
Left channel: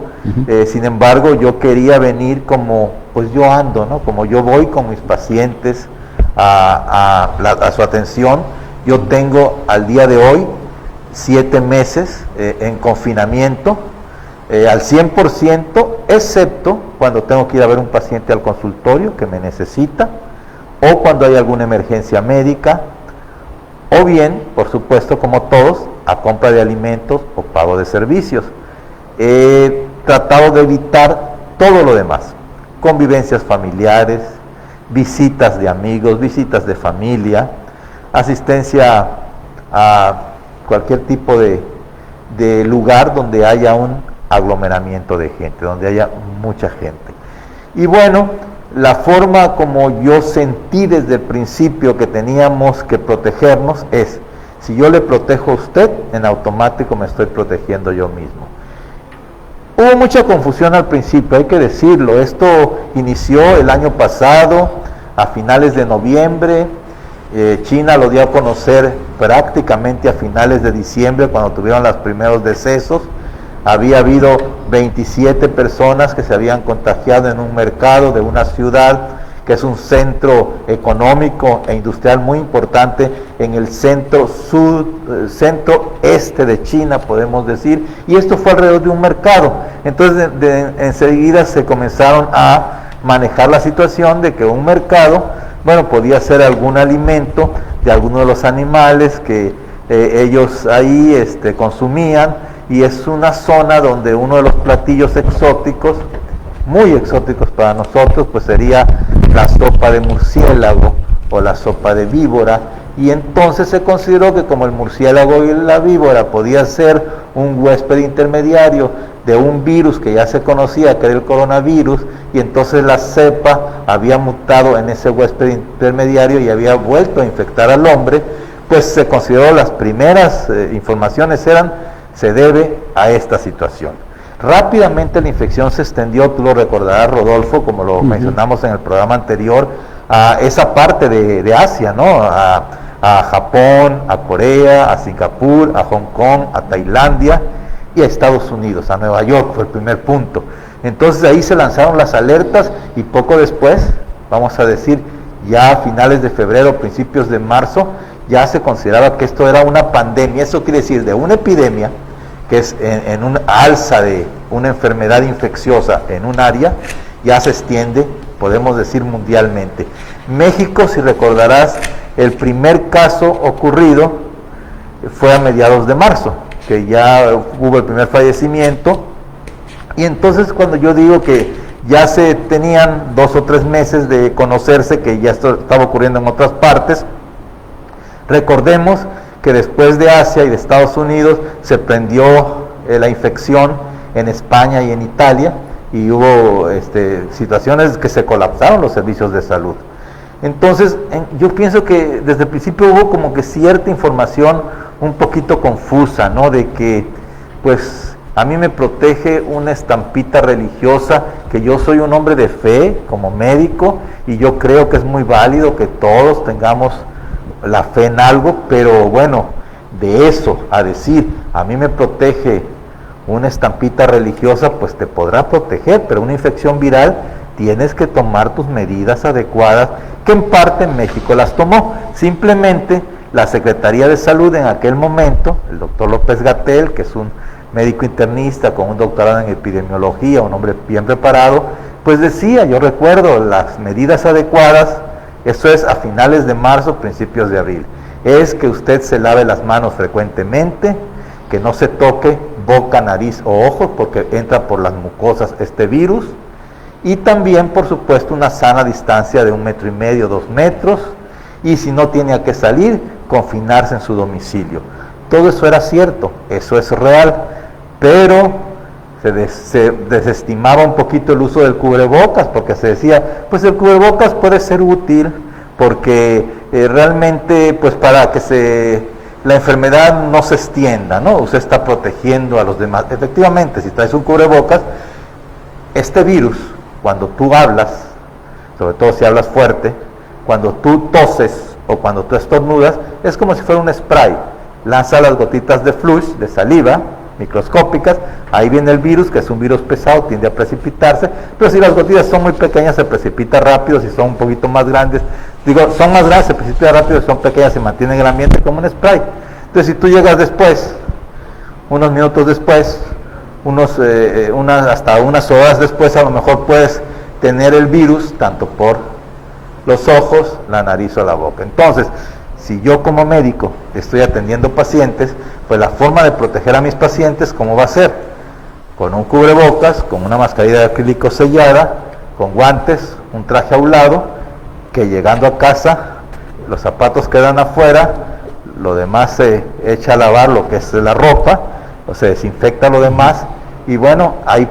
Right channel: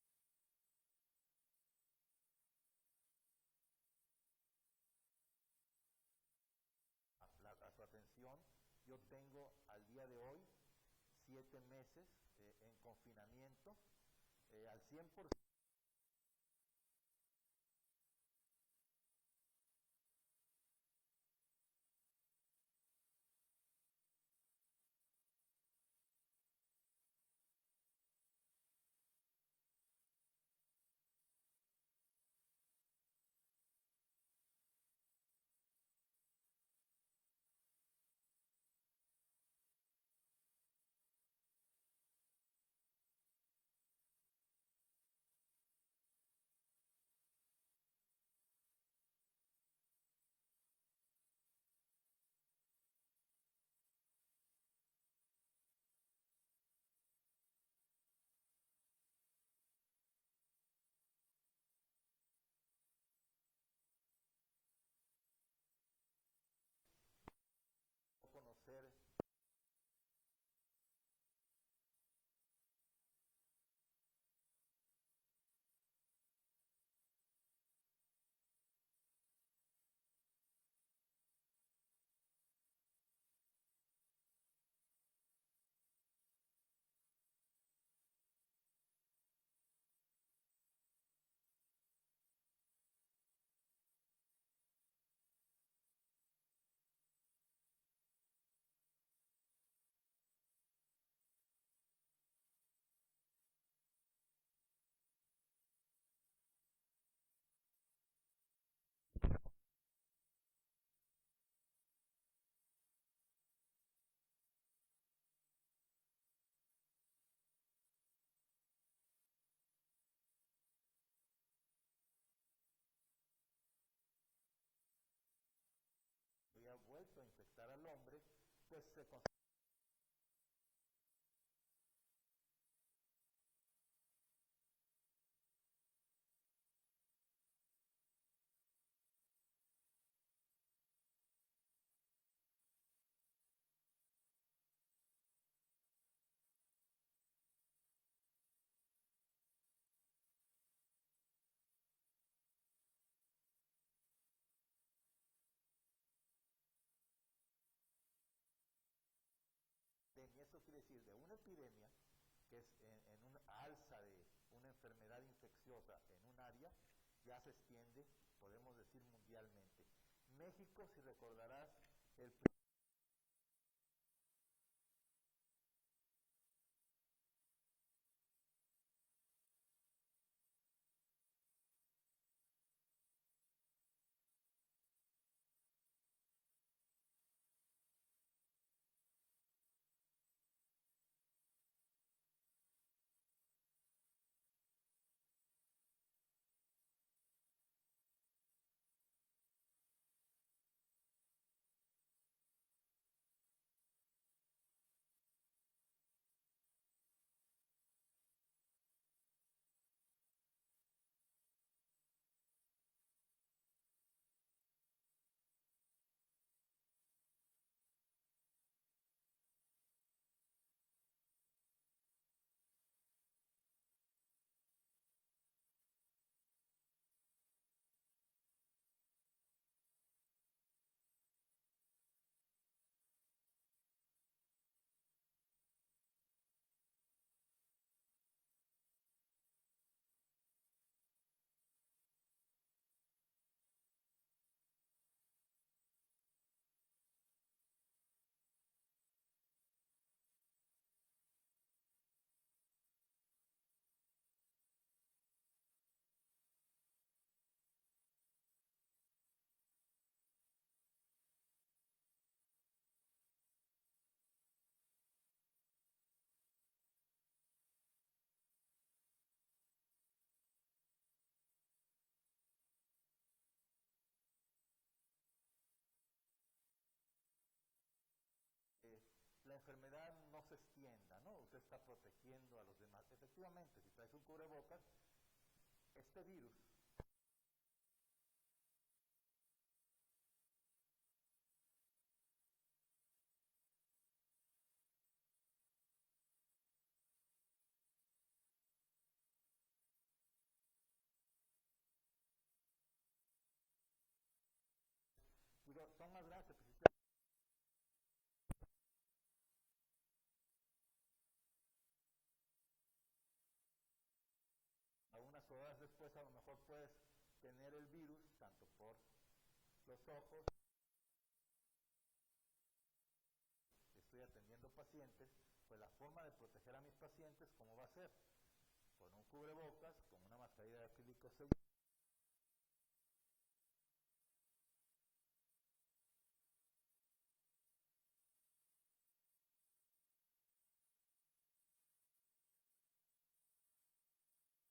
Sin embargo, yo quería venir como pues yo ando, ¿no? Como yo voy con mis pacientes a su atención. Yo tengo al día de hoy 7 meses en confinamiento, al 100%, excepto cuando tengo que ir a ver un paciente al consultorio que me necesita, o cuando hay alguna emergencia médica, o bien, por supuesto, como todos, a compra de alimentos o pago de servicios. He tratado de evitar todo lo demás: convivencias familiares, visitas de amigos, visitas de familia, asistencia a cualquier tipo de lugar donde haya un aglomeramiento de gente, donde haya mucha gente. Y bueno, la forma como yo sentí desde el principio que teníamos que protegernos es: si yo le protejo a usted, en automático me estoy protegiendo yo mismo. Hubo mucha confusión al principio, hay que decirlo. Esto inició el año pasado, a finales de noviembre. China lo dio a conocer prácticamente a finales de diciembre, cuando tuvieron los primeros decesos. Había habido 27 personas que se habían contagiado en un mercado de una ciudad que es un centro económico e industrial muy importante en el centro-este de China, podemos decir, y esto fue alrededor de un mercado. Entonces enseguida se comenzaron a manejar la situación de que un mercado, bueno, podía ser algún alimento de alguno de los animales que ellos ahí consumían, y es una zona donde uno de los platillos exóticos, muy exóticos para nosotros, pues sería la sopa de murciélago o la sopa de víbora. Y entonces se consideró que como el murciélago y la víbora podía ser un huésped intermediario de un virus que ya se conocía, que era el coronavirus, y entonces la cepa había mutado en ese huésped intermediario y había vuelto a infectar al hombre, pues se consideró, las primeras informaciones se debe a esta situación. Rápidamente la infección se extendió, tú lo recordarás, Rodolfo, como lo mencionamos en el programa anterior, a esa parte de Asia, ¿no? A Japón, a Corea, a Singapur, a Hong Kong, a Tailandia y a Estados Unidos, a Nueva York fue el primer punto. Entonces ahí se lanzaron las alertas y poco después, vamos a decir, ya a finales de febrero, principios de marzo, ya se consideraba que esto era una pandemia. Eso quiere decir de una epidemia, que es en una alza de una enfermedad infecciosa en un área, ya se extiende, podemos decir, mundialmente. México, si recordarás, el primer caso ocurrido fue a mediados de marzo, que ya hubo el primer fallecimiento, y entonces cuando yo digo que ya se tenían 2 o 3 meses de conocerse que ya esto estaba ocurriendo en otras partes, recordemos que después de Asia y de Estados Unidos se prendió la infección en España y en Italia, y hubo situaciones que se colapsaron los servicios de salud. Entonces, yo pienso que desde el principio hubo como que cierta información un poquito confusa, ¿no? De que, pues, a mí me protege una estampita religiosa, que yo soy un hombre de fe como médico, y yo creo que es muy válido que todos tengamos la fe en algo, pero bueno, de eso a decir, a mí me protege una estampita religiosa, pues te podrá proteger, pero una infección viral tienes que tomar tus medidas adecuadas, que en parte México las tomó. Simplemente la Secretaría de Salud en aquel momento, el doctor López-Gatell, que es un médico internista con un doctorado en epidemiología, un hombre bien preparado, pues decía, yo recuerdo, las medidas adecuadas, eso es a finales de marzo, principios de abril, es que usted se lave las manos frecuentemente, que no se toque boca, nariz o ojos, porque entra por las mucosas este virus, y también, por supuesto, una sana distancia de 1,5 metros, 2 metros, y si no tiene a qué salir, confinarse en su domicilio. Todo eso era cierto, eso es real, pero se desestimaba un poquito el uso del cubrebocas, porque se decía, pues el cubrebocas puede ser útil, porque realmente, pues para que la enfermedad no se extienda, ¿no? Usted está protegiendo a los demás. Efectivamente, si traes un cubrebocas, este virus, cuando tú hablas, sobre todo si hablas fuerte, cuando tú toses o cuando tú estornudas, es como si fuera un spray. Lanza las gotitas de flush, de saliva, microscópicas, ahí viene el virus, que es un virus pesado, tiende a precipitarse, pero si las gotitas son muy pequeñas, se precipita rápido. Si son un poquito más grandes, son más grandes, se precipita rápido, si son pequeñas, se mantiene en el ambiente como un spray. Entonces, si tú llegas después, unos minutos después, hasta unas horas después, a lo mejor puedes tener el virus, tanto por los ojos, la nariz o la boca. Entonces, si yo como médico estoy atendiendo pacientes, pues la forma de proteger a mis pacientes, ¿cómo va a ser? Con un cubrebocas, con una mascarilla de acrílico sellada, con guantes, un traje a un lado, que llegando a casa, los zapatos quedan afuera, lo demás se echa a lavar, lo que es la ropa, o se desinfecta lo demás, y bueno, hay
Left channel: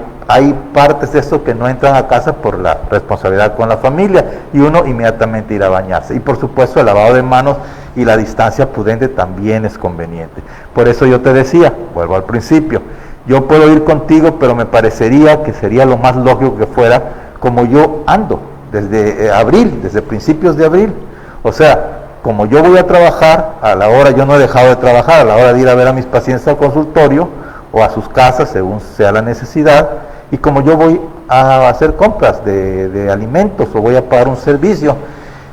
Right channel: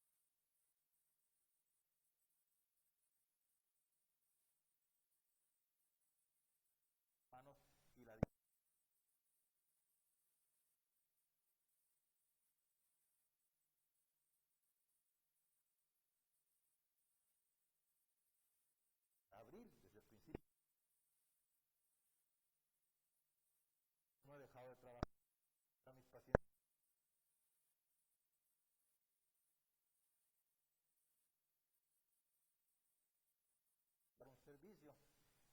partes de esto que no entran a casa por la responsabilidad con la familia, y uno inmediatamente irá a bañarse. Y por supuesto el lavado de manos y la distancia prudente también es conveniente. Por eso yo te decía, vuelvo al principio, yo puedo ir contigo, pero me parecería que sería lo más lógico que fuera como yo ando desde abril, desde principios de abril. O sea, como yo voy a trabajar, a la hora, yo no he dejado de trabajar, a la hora de ir a ver a mis pacientes al consultorio o a sus casas, según sea la necesidad, y como yo voy a hacer compras de alimentos o voy a pagar un servicio.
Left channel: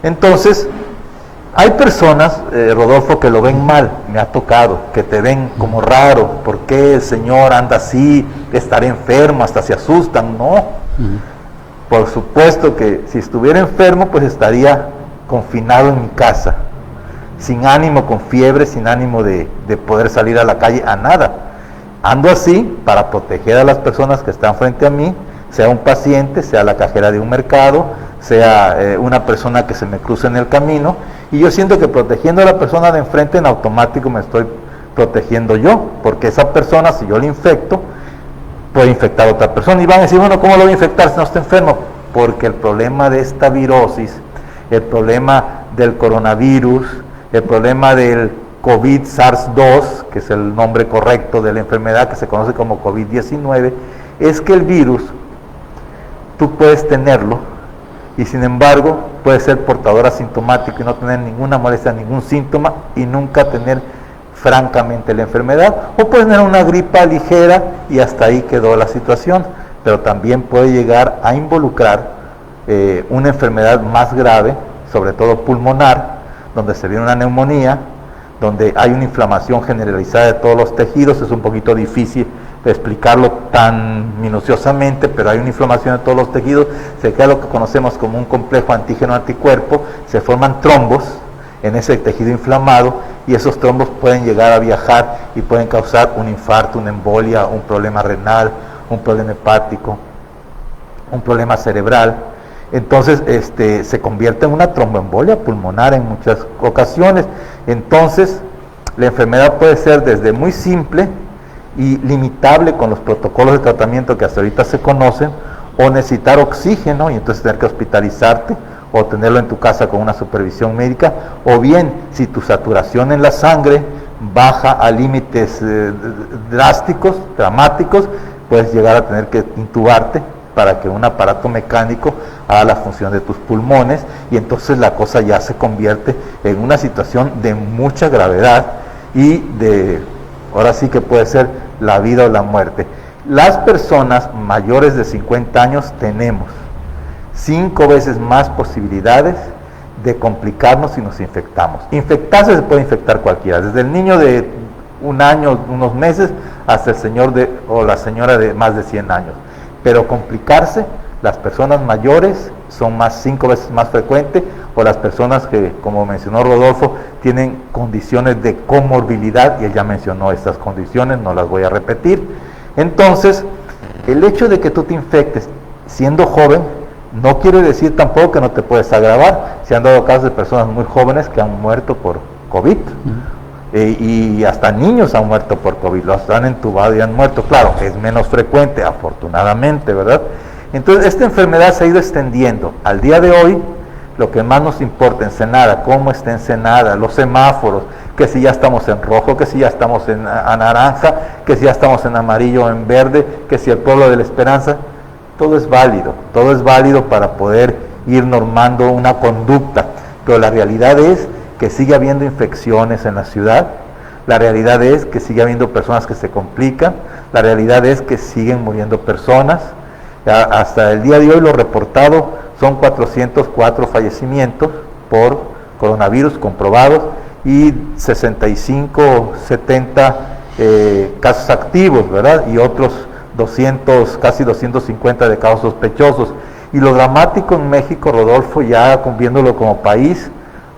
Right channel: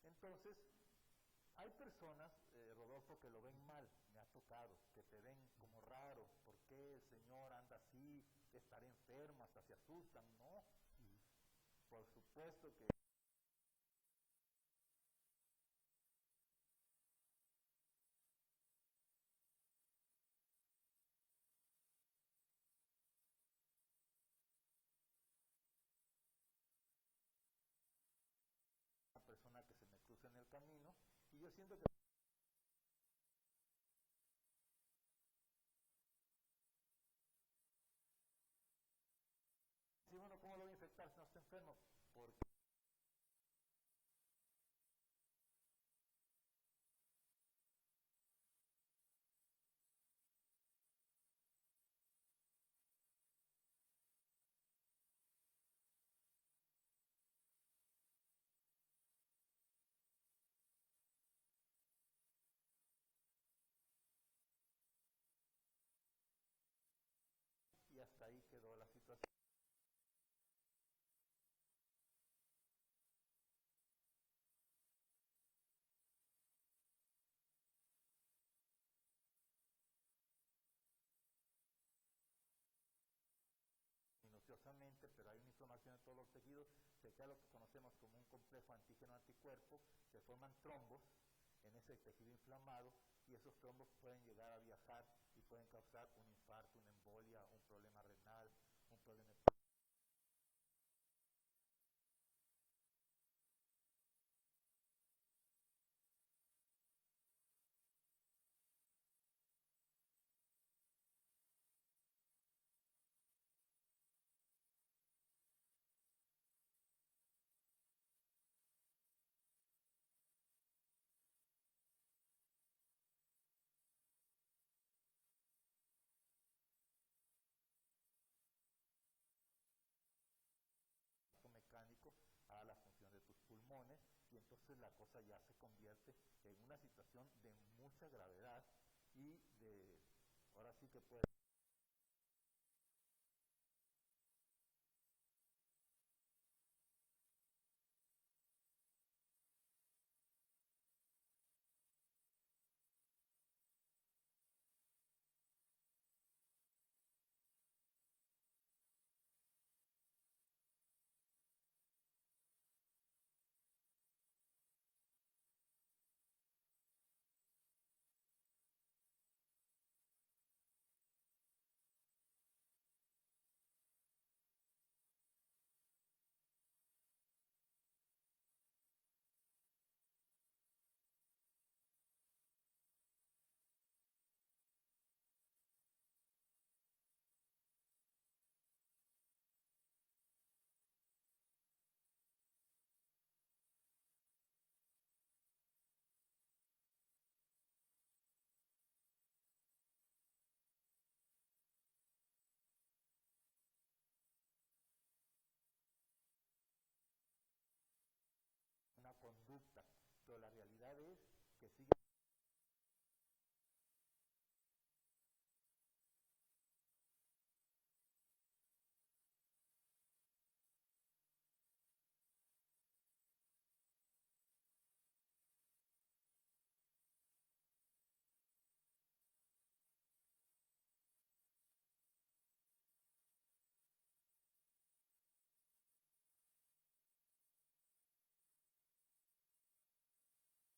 Entonces, hay personas, Rodolfo, que lo ven mal, me ha tocado, que te ven como raro, ¿por qué el señor anda así? Estará enfermo, hasta se asustan. No, por supuesto que si estuviera enfermo, pues estaría confinado en mi casa, sin ánimo, con fiebre, sin ánimo de poder salir a la calle, a nada. Ando así para proteger a las personas que están frente a mí, sea un paciente, sea la cajera de un mercado, sea una persona que se me cruce en el camino, y yo siento que protegiendo a la persona de enfrente, en automático me estoy protegiendo yo, porque esa persona, si yo le infecto, puede infectar a otra persona. Y van a decir, bueno, ¿cómo lo voy a infectar si no está enfermo? Porque el problema de esta virosis, el problema del coronavirus, el problema del COVID SARS-2, que es el nombre correcto de la enfermedad que se conoce como COVID-19, es que el virus, tú puedes tenerlo y sin embargo puede ser portador asintomático y no tener ninguna molestia, ningún síntoma y nunca tener francamente la enfermedad, o puede tener una gripa ligera y hasta ahí quedó la situación, pero también puede llegar a involucrar una enfermedad más grave, sobre todo pulmonar, donde se viene una neumonía, donde hay una inflamación generalizada de todos los tejidos. Es un poquito difícil explicarlo tan minuciosamente, pero hay una inflamación de todos los tejidos, se crea lo que conocemos como un complejo antígeno-anticuerpo, se forman trombos en ese tejido inflamado y esos trombos pueden llegar a viajar y pueden causar un infarto, una embolia, un problema renal, un problema hepático, un problema cerebral. Entonces se convierte en una tromboembolia pulmonar en muchas ocasiones. Entonces la enfermedad puede ser desde muy simple y limitable con los protocolos de tratamiento que hasta ahorita se conocen, o necesitar oxígeno y entonces tener que hospitalizarte o tenerlo en tu casa con una supervisión médica, o bien si tu saturación en la sangre baja a límites drásticos, dramáticos, puedes llegar a tener que intubarte para que un aparato mecánico haga la función de tus pulmones, y entonces la cosa ya se convierte en una situación de mucha gravedad y de, ahora sí que puede ser la vida o la muerte. Las personas mayores de 50 años tenemos 5 veces más posibilidades de complicarnos si nos infectamos. Infectarse se puede infectar cualquiera, desde el niño de 1 año, unos meses, hasta el señor o la señora de más de 100 años. Pero complicarse, las personas mayores son 5 veces más frecuentes, o las personas que, como mencionó Rodolfo, tienen condiciones de comorbilidad, y él ya mencionó estas condiciones, no las voy a repetir. Entonces, el hecho de que tú te infectes siendo joven, no quiere decir tampoco que no te puedes agravar. Se han dado casos de personas muy jóvenes que han muerto por COVID, y hasta niños han muerto por COVID, los han entubado y han muerto. Claro, es menos frecuente, afortunadamente, ¿verdad? Entonces, esta enfermedad se ha ido extendiendo. Al día de hoy, lo que más nos importa, Ensenada, cómo está Ensenada, los semáforos, que si ya estamos en rojo, que si ya estamos en naranja, que si ya estamos en amarillo o en verde, que si el pueblo de la Esperanza, todo es válido para poder ir normando una conducta, pero la realidad es que sigue habiendo infecciones en la ciudad, la realidad es que sigue habiendo personas que se complican, la realidad es que siguen muriendo personas. Hasta el día de hoy lo reportado son 404 fallecimientos por coronavirus comprobados y 65, 70 casos activos, ¿verdad? Y otros 200, casi 250 de casos sospechosos. Y lo dramático en México, Rodolfo, ya viéndolo como país,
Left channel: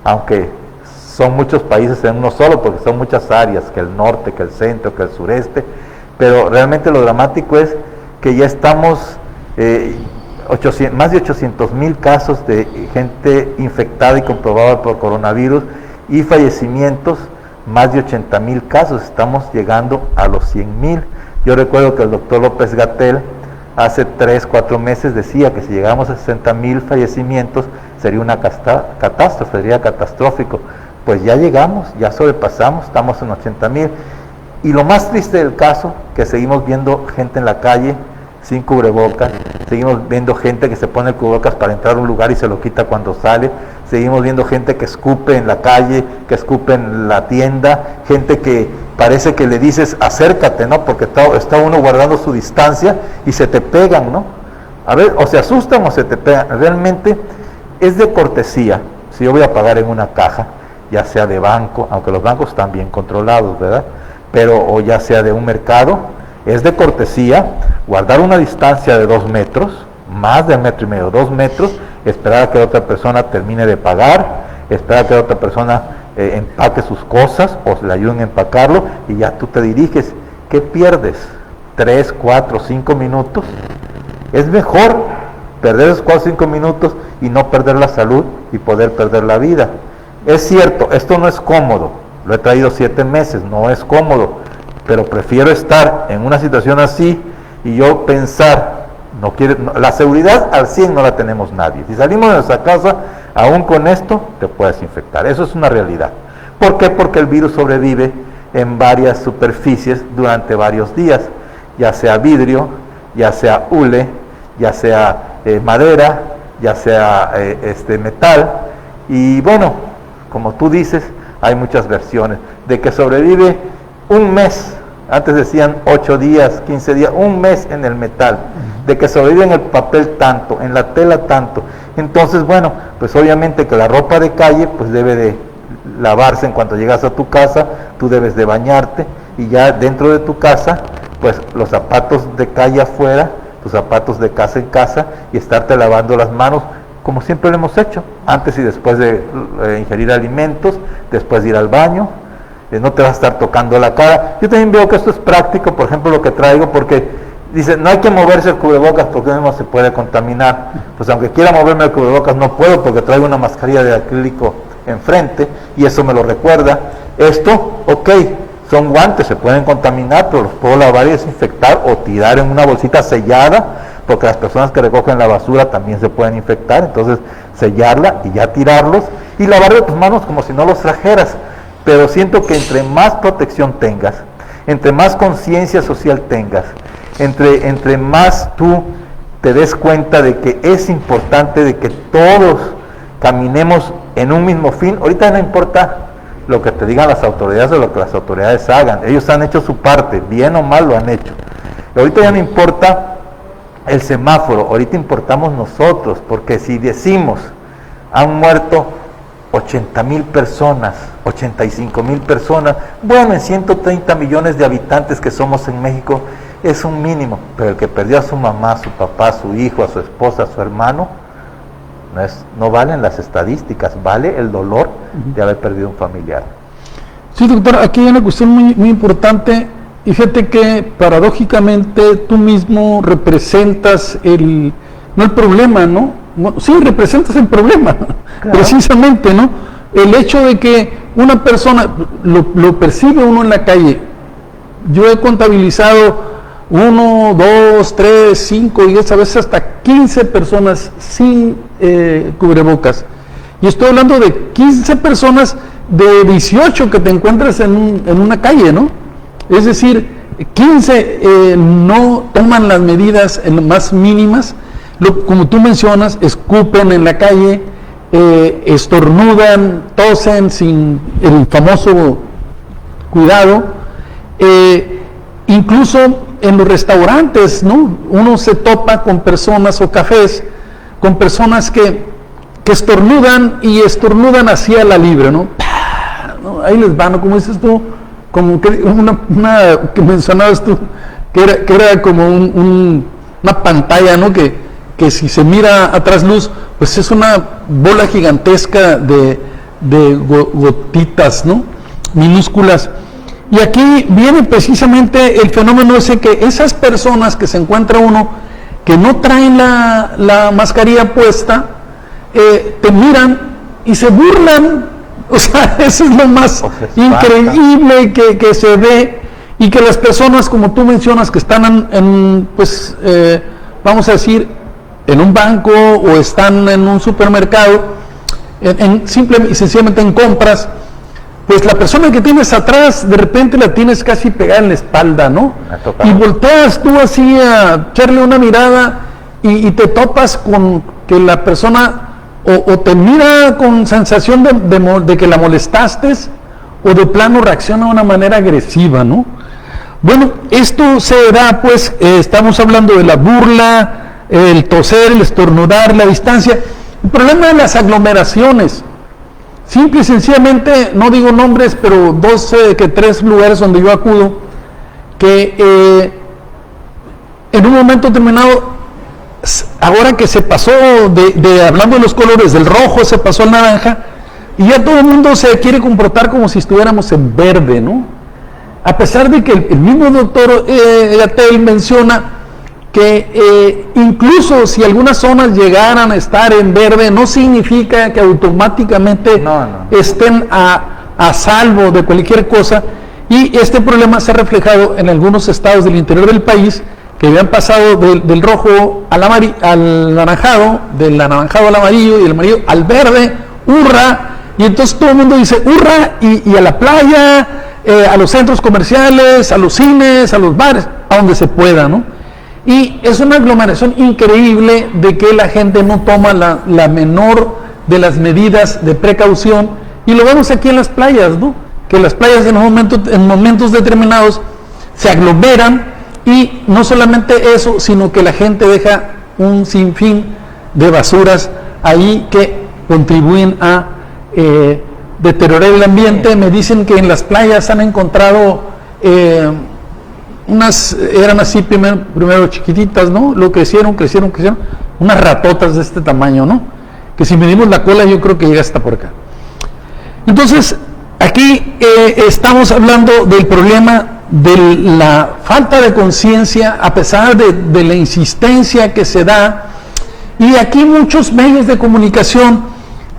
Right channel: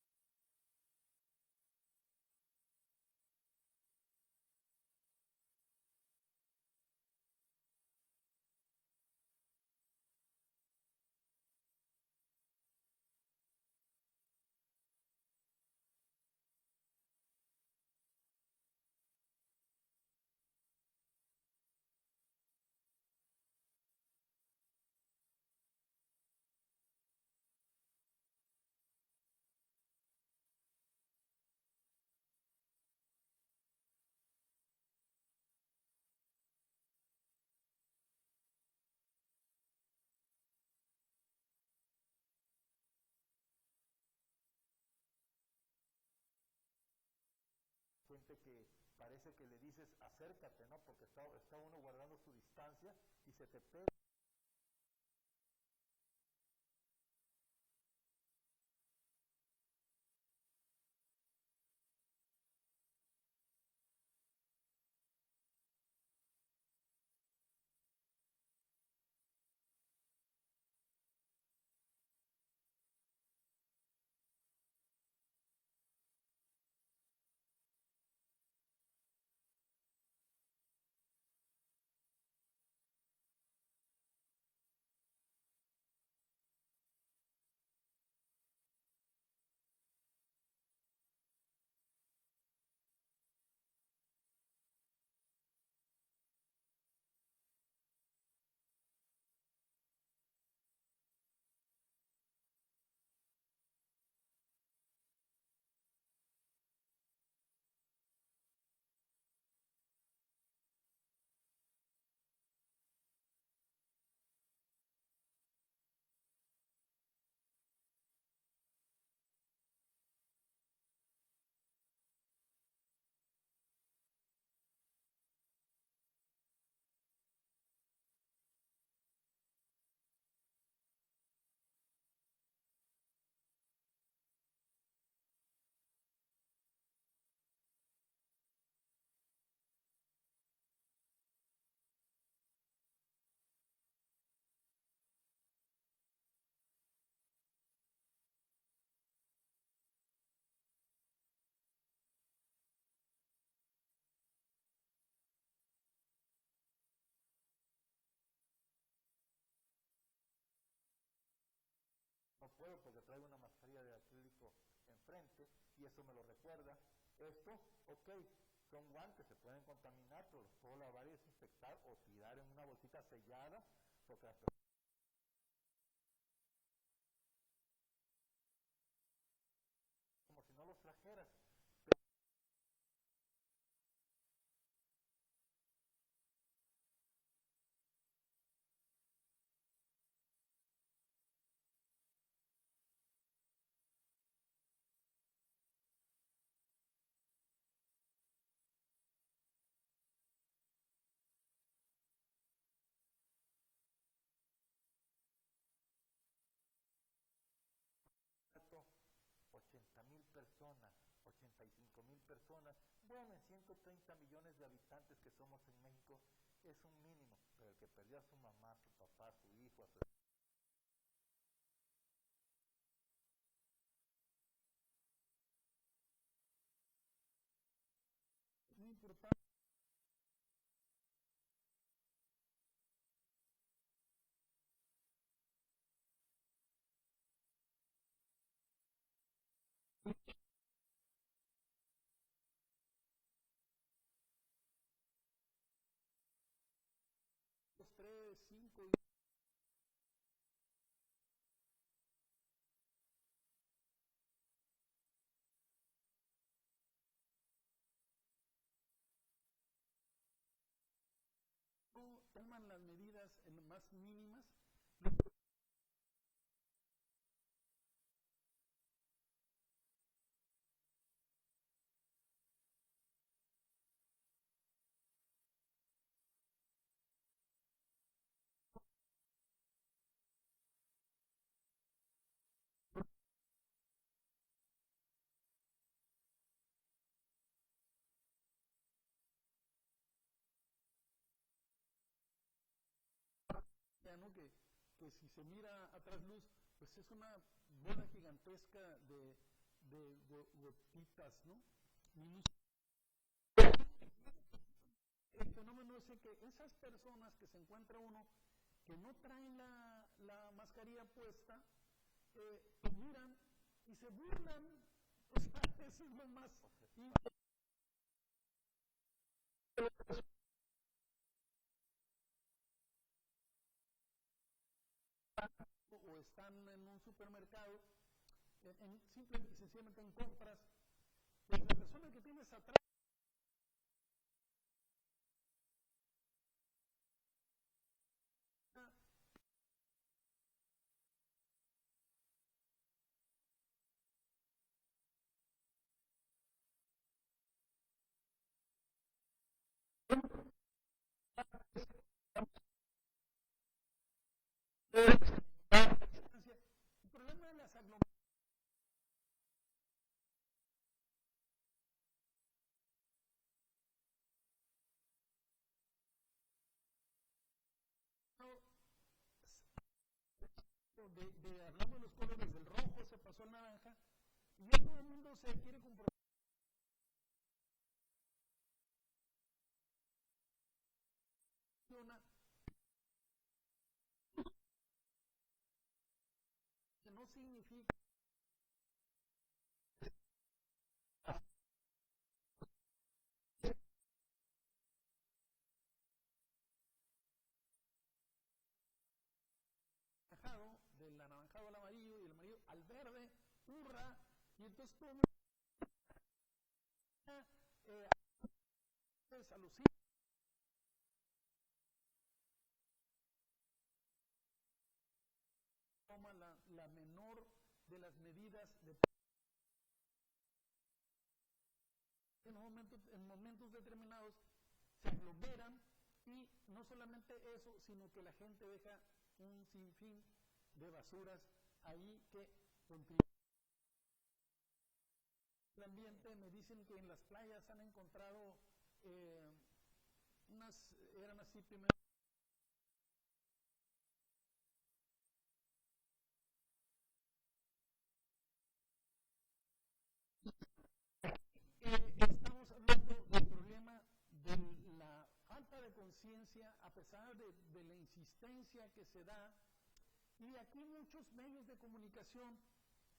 aunque son muchos países en uno solo, porque son muchas áreas, que el norte, que el centro, que el sureste, pero realmente lo dramático es que ya estamos más de 800,000 casos de gente infectada y comprobada por coronavirus, y fallecimientos, más de 80,000 casos. Estamos llegando a los 100,000. Yo recuerdo que el doctor López-Gatell hace 3, 4 meses decía que si llegamos a 60,000 fallecimientos sería una catástrofe, sería catastrófico. Pues ya llegamos, ya sobrepasamos, estamos en 80,000. Y lo más triste del caso, que seguimos viendo gente en la calle sin cubrebocas, seguimos viendo gente que se pone el cubrebocas para entrar a un lugar y se lo quita cuando sale, seguimos viendo gente que escupe en la calle, que escupe en la tienda, gente que parece que le dices acércate, ¿no? Porque está uno guardando su distancia y se te pegan, ¿no? A ver, o se asustan o se te pegan. Realmente es de cortesía. Si yo voy a pagar en una caja, ya sea de banco, aunque los bancos están bien controlados, ¿verdad? Pero, o ya sea de un mercado, es de cortesía guardar una distancia de 2 metros, más de 1,5 metros, 2 metros, esperar a que otra persona termine de pagar, esperar a que otra persona empaque sus cosas o le ayuden a empacarlo, y ya tú te diriges. ¿Qué pierdes? 3, 4, 5 minutos. Es mejor perder esos 4 o 5 minutos y no perder la salud y poder perder la vida. Es cierto, esto no es cómodo, lo he traído 7 meses, no es cómodo, pero prefiero estar en una situación así y yo pensar, la seguridad al 100 no la tenemos nadie. Si salimos de nuestra casa, aún con esto, te puedes infectar. Eso es una realidad. ¿Por qué? Porque el virus sobrevive en varias superficies durante varios días, ya sea vidrio, ya sea hule, ya sea madera, ya sea metal, y bueno, como tú dices, hay muchas versiones, de que sobrevive un mes, antes decían 8 días, 15 días, un mes en el metal, de que sobrevive en el papel tanto, en la tela tanto. Entonces, bueno, pues obviamente que la ropa de calle pues debe de lavarse en cuanto llegas a tu casa, tú debes de bañarte, y ya dentro de tu casa, pues los zapatos de calle afuera, tus zapatos de casa en casa, y estarte lavando las manos, como siempre lo hemos hecho, antes y después de ingerir alimentos, después de ir al baño, no te vas a estar tocando la cara. Yo también veo que esto es práctico, por ejemplo, lo que traigo, porque dice, no hay que moverse el cubrebocas porque uno se puede contaminar. Pues aunque quiera moverme el cubrebocas no puedo, porque traigo una mascarilla de acrílico enfrente, y eso me lo recuerda. Esto, ok, son guantes, se pueden contaminar, pero los puedo lavar y desinfectar, o tirar en una bolsita sellada, porque las personas que recogen la basura también se pueden infectar. Entonces sellarla y ya tirarlos, y lavarle tus manos como si no los trajeras. Pero siento que entre más protección tengas, entre más conciencia social tengas, entre más tú te des cuenta de que es importante de que todos caminemos en un mismo fin. Ahorita no importa lo que te digan las autoridades o lo que las autoridades hagan, ellos han hecho su parte, bien o mal lo han hecho. Ahorita ya no importa el semáforo, ahorita importamos nosotros, porque si decimos han muerto 80,000 personas, 85,000 personas, bueno, en 130 millones de habitantes que somos en México, es un mínimo, pero el que perdió a su mamá, a su papá, a su hijo, a su esposa, a su hermano, no valen las estadísticas, vale el dolor de haber perdido un familiar. Sí, doctor, aquí hay una cuestión muy importante, y fíjate que paradójicamente tú mismo representas no el problema, ¿no? Bueno, sí, representas el problema, claro. Precisamente, ¿no? El hecho de que una persona, lo percibe uno en la calle. Yo he contabilizado 1, 2, 3, 5, 10, a veces hasta 15 personas sin cubrebocas. Y estoy hablando de 15 personas de 18 que te encuentras en una calle, ¿no? Es decir, 15 no toman las medidas más mínimas, como tú mencionas, escupen en la calle, estornudan, tosen sin el famoso cuidado, incluso en los restaurantes, ¿no? Uno se topa con personas o cafés, con personas que estornudan, y estornudan hacia la libre, ¿no? ¿No? Ahí les van, ¿no? Como dices tú, como que una que mencionabas tú, que era como una pantalla, ¿no? Que si se mira a trasluz, pues es una bola gigantesca de gotitas, ¿no? Minúsculas. Y aquí viene precisamente el fenómeno ese, que esas personas que se encuentra uno, que no traen la mascarilla puesta, te miran y se burlan. O sea, eso es lo más increíble que se ve, y que las personas, como tú mencionas, que están vamos a decir, en un banco o están en un supermercado, simple y sencillamente en compras, pues la persona que tienes atrás, de repente la tienes casi pegada en la espalda, ¿no? Y volteas tú así a echarle una mirada, y te topas con que la persona o te mira con sensación de que la molestaste, o de plano reacciona de una manera agresiva, ¿no? Bueno, esto se da, pues, estamos hablando de la burla, el toser, el estornudar, la distancia. El problema de las aglomeraciones, simple y sencillamente, no digo nombres, pero 3 lugares donde yo acudo, que en un momento determinado, ahora que se pasó hablando de los colores, del rojo se pasó al naranja, y ya todo el mundo se quiere comportar como si estuviéramos en verde, ¿no? A pesar de que el mismo doctor Gatell menciona que incluso si algunas zonas llegaran a estar en verde, no significa que automáticamente estén a salvo de cualquier cosa, y este problema se ha reflejado en algunos estados del interior del país, que habían pasado del rojo al anaranjado, del anaranjado al amarillo, y del amarillo al verde, hurra, y entonces todo el mundo dice hurra, y a la playa, a los centros comerciales, a los cines, a los bares, a donde se pueda, ¿no? y es una aglomeración increíble de que la gente no toma la menor de las medidas de precaución, y lo vemos aquí en las playas, ¿no? Que las playas en momentos determinados se aglomeran, y no solamente eso, sino que la gente deja un sinfín de basuras ahí que contribuyen a deteriorar el ambiente. Me dicen que en las playas han encontrado eran así primero chiquititas, ¿no? Lo crecieron, unas ratotas de este tamaño, ¿no? Que si medimos la cola yo creo que llega hasta por acá. Entonces, aquí estamos hablando del problema de la falta de conciencia, a pesar de la insistencia que se da, y aquí muchos medios de comunicación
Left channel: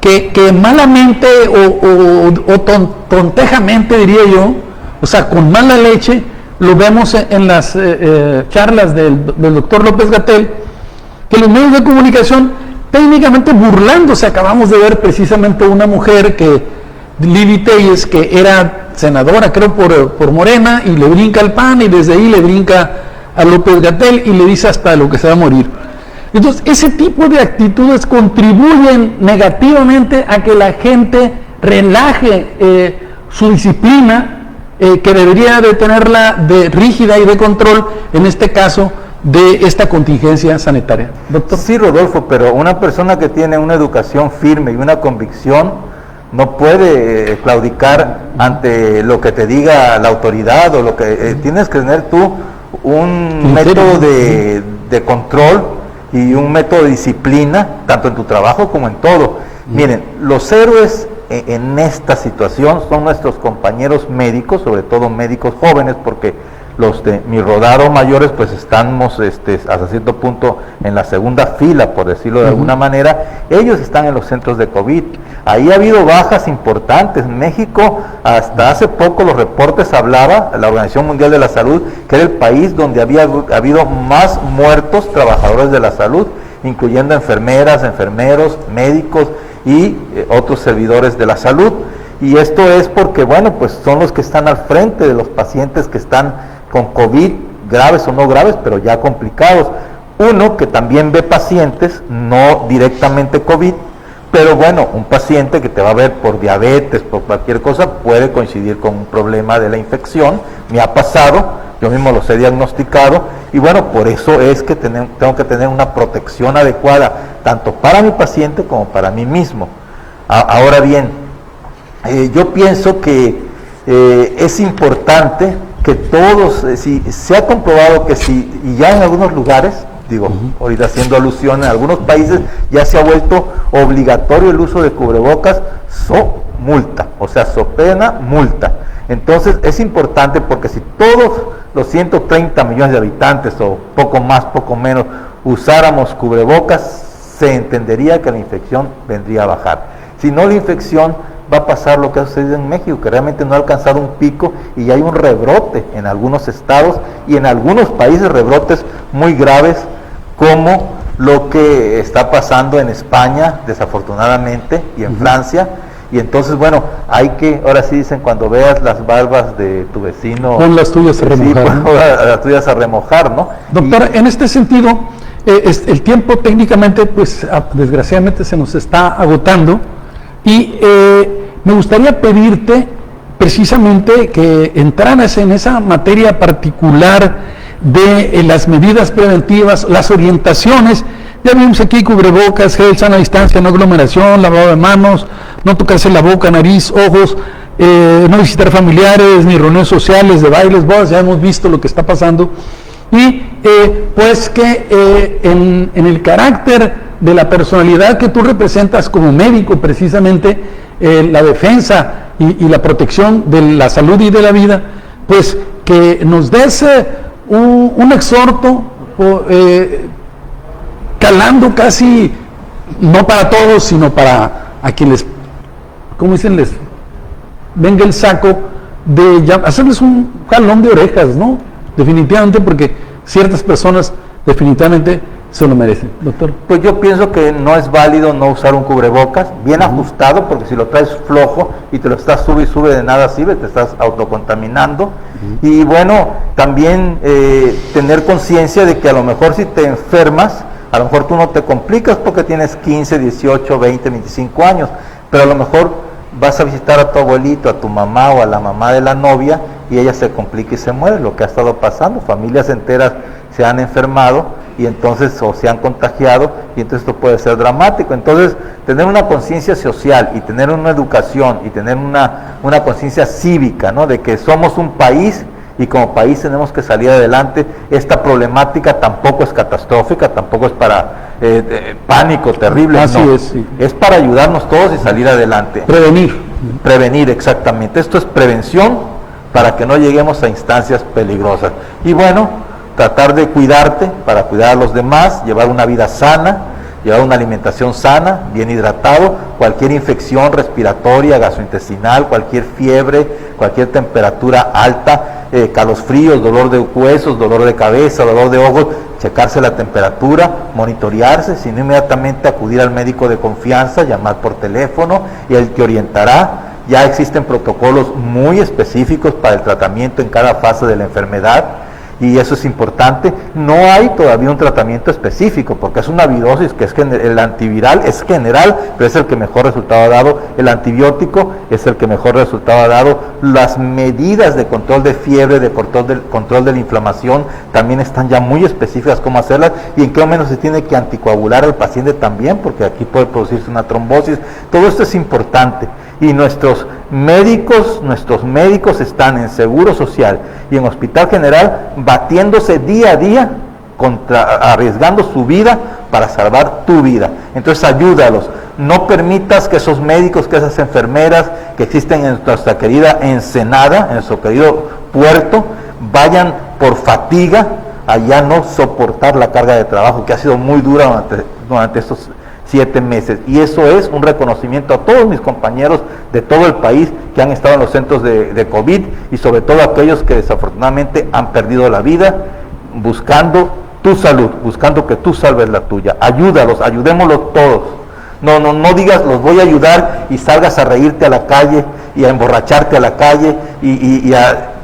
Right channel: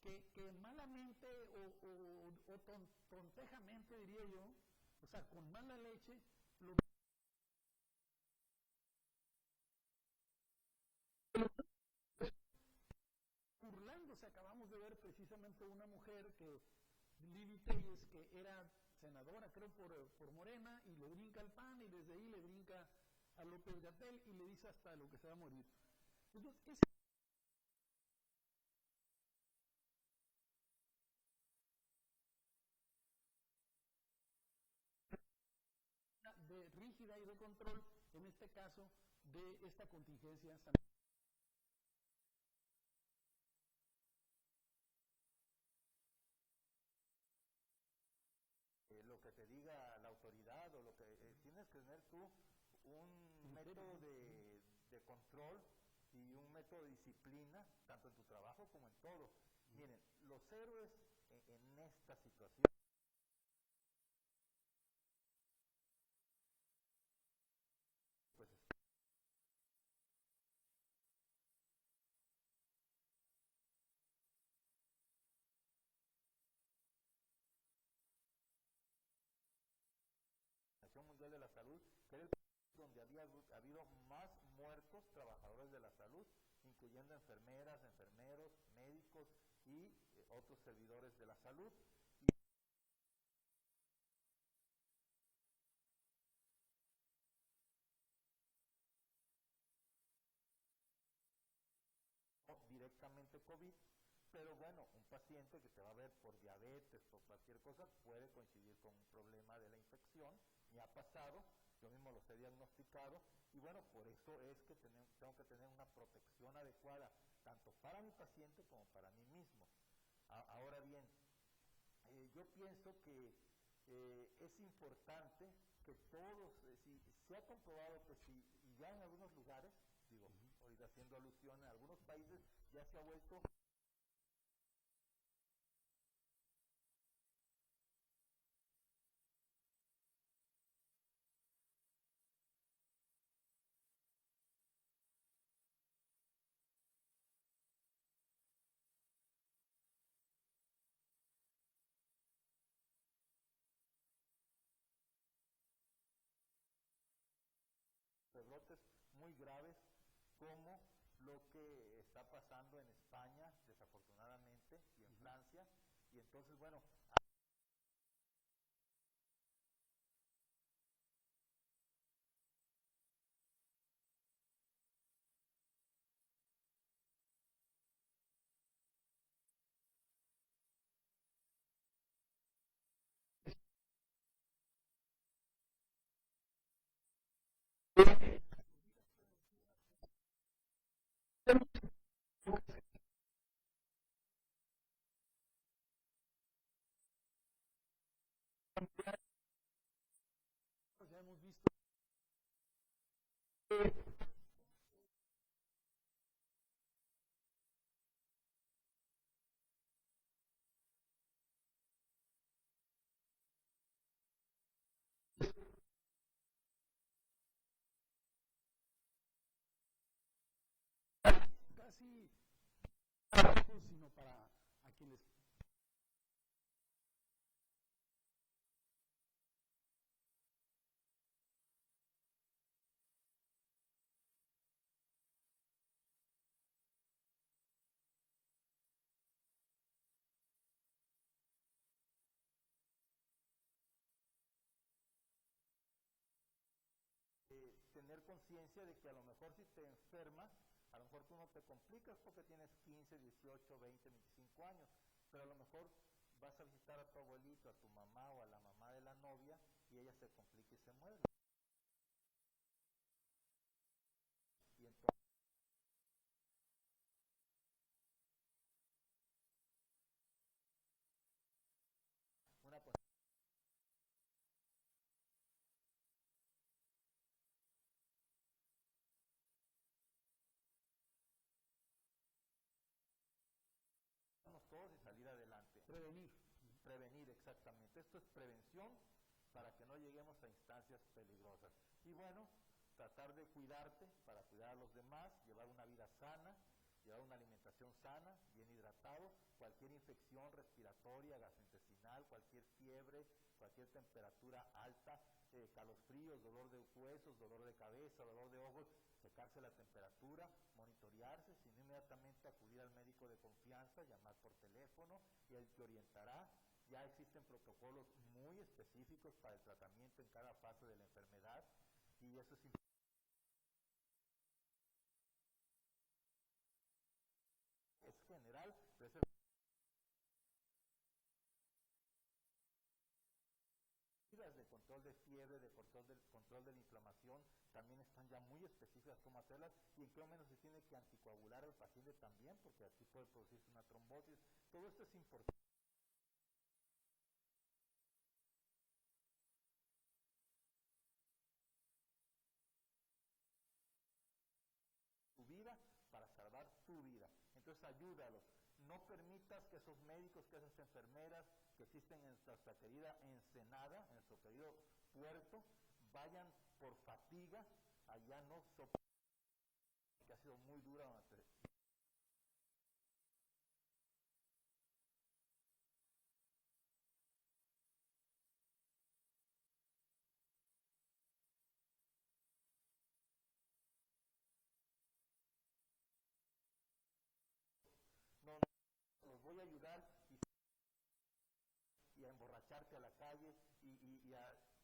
que malamente o tontejamente, diría yo, o sea, con mala leche, lo vemos en las charlas del doctor López-Gatell, que los medios de comunicación técnicamente burlándose. Acabamos de ver precisamente una mujer, Lili Telles, que era senadora, creo, por Morena, y le brinca al PAN, y desde ahí le brinca a López-Gatell y le dice hasta lo que se va a morir. Entonces, ese tipo de actitudes contribuyen negativamente a que la gente relaje su disciplina, que debería de tenerla de rígida y de control, en este caso, de esta contingencia sanitaria. Doctor. Sí, Rodolfo, pero una persona que tiene una educación firme y una convicción no puede claudicar ante lo que te diga la autoridad, o lo que tienes que tener tú un método de control y un método de disciplina, tanto en tu trabajo como en todo. Miren, los héroes en esta situación son nuestros compañeros médicos, sobre todo médicos jóvenes, porque los de mi rodado mayores pues estamos hasta cierto punto en la segunda fila, por decirlo de alguna manera. Ellos están en los centros de COVID. Ahí ha habido bajas importantes. México, hasta hace poco los reportes hablaba, la Organización Mundial de la Salud, que era el país donde había habido más muertos trabajadores de la salud, incluyendo enfermeras, enfermeros, médicos y otros servidores de la salud. Y esto es porque, bueno, pues son los que están al frente de los pacientes que están con COVID, graves o no graves, pero ya complicados. Uno que también ve pacientes, no directamente COVID, pero bueno, un paciente que te va a ver por diabetes, por cualquier cosa, puede coincidir con un problema de la infección. Me ha pasado, yo mismo los he diagnosticado, y bueno, por eso es que tengo que tener una protección adecuada, tanto para mi paciente como para mí mismo. Ahora bien, yo pienso que es importante que todos, si se ha comprobado que y ya en algunos lugares, ahorita haciendo alusión, en algunos países ya se ha vuelto obligatorio el uso de cubrebocas, multa, o sea, pena, multa. Entonces es importante, porque si todos los 130 millones de habitantes, o poco más, poco menos, usáramos cubrebocas, se entendería que la infección vendría a bajar. Si no, la infección va a pasar lo que ha sucedido en México, que realmente no ha alcanzado un pico y hay un rebrote en algunos estados y en algunos países, rebrotes muy graves, como lo que está pasando en España, desafortunadamente, y en Francia. Y entonces, bueno, hay que, ahora sí dicen, cuando veas las barbas de tu vecino, pon las tuyas a remojar, sí, ¿no? Las tuyas a remojar, ¿no? Doctor, en este sentido, el tiempo técnicamente, pues desgraciadamente se nos está agotando, y me gustaría pedirte precisamente que entraras en esa materia particular de las medidas preventivas, las orientaciones. Ya vimos aquí cubrebocas, gel, sana distancia, no aglomeración, lavado de manos, no tocarse la boca, nariz, ojos, no visitar familiares, ni reuniones sociales, de bailes, bodas. Ya hemos visto lo que está pasando. Y pues que en el carácter de la personalidad que tú representas como médico, precisamente la defensa y la protección de la salud y de la vida, pues que nos des un exhorto calando casi, no para todos, sino para a quienes, ¿cómo dicen? Les venga el saco, de hacerles un jalón de orejas, ¿no? Definitivamente, porque ciertas personas definitivamente se lo merecen, doctor. Pues yo pienso que no es válido no usar un cubrebocas, bien ajustado, porque si lo traes flojo y te lo estás sube y sube, de nada sirve, te estás autocontaminando. Y bueno, también tener conciencia de que a lo mejor si te enfermas, a lo mejor tú no te complicas porque tienes 15, 18, 20, 25 años, pero a lo mejor vas a visitar a tu abuelito, a tu mamá o a la mamá de la novia y ella se complica y se muere, lo que ha estado pasando. Familias enteras se han enfermado y entonces o se han contagiado y entonces esto puede ser dramático. Entonces tener una conciencia social y tener una educación y tener una conciencia cívica, ¿no? De que somos un país y como país tenemos que salir adelante. Esta problemática tampoco es catastrófica, tampoco es para pánico terrible. Así no, es, sí. Es para ayudarnos todos y salir adelante. Prevenir, exactamente. Esto es prevención para que no lleguemos a instancias peligrosas. Y bueno, tratar de cuidarte para cuidar a los demás, llevar una vida sana, llevar una alimentación sana, bien hidratado, cualquier infección respiratoria, gastrointestinal, cualquier fiebre, cualquier temperatura alta, calosfríos, dolor de huesos, dolor de cabeza, dolor de ojos, checarse la temperatura, monitorearse, sino inmediatamente acudir al médico de confianza, llamar por teléfono y él te orientará. Ya existen protocolos muy específicos para el tratamiento en cada fase de la enfermedad. Y eso es importante. No hay todavía un tratamiento específico, porque es una virosis que el antiviral es general, pero es el que mejor resultado ha dado. El antibiótico es el que mejor resultado ha dado. Las medidas de control de fiebre, de control de la inflamación, también están ya muy específicas cómo hacerlas y en qué momento se tiene que anticoagular al paciente también, porque aquí puede producirse una trombosis. Todo esto es importante. Y nuestros médicos están en Seguro Social y en Hospital General batiéndose día a día, arriesgando su vida para salvar tu vida. Entonces ayúdalos, no permitas que esos médicos, que esas enfermeras que existen en nuestra querida Ensenada, en nuestro querido puerto, vayan por fatiga a ya no soportar la carga de trabajo que ha sido muy dura durante estos 7 meses, y eso es un reconocimiento a todos mis compañeros de todo el país que han estado en los centros de COVID y sobre todo a aquellos que desafortunadamente han perdido la vida buscando tu salud, buscando que tú salves la tuya. Ayúdalos, ayudémoslos todos. No digas los voy a ayudar y salgas a reírte a la calle y a emborracharte a la calle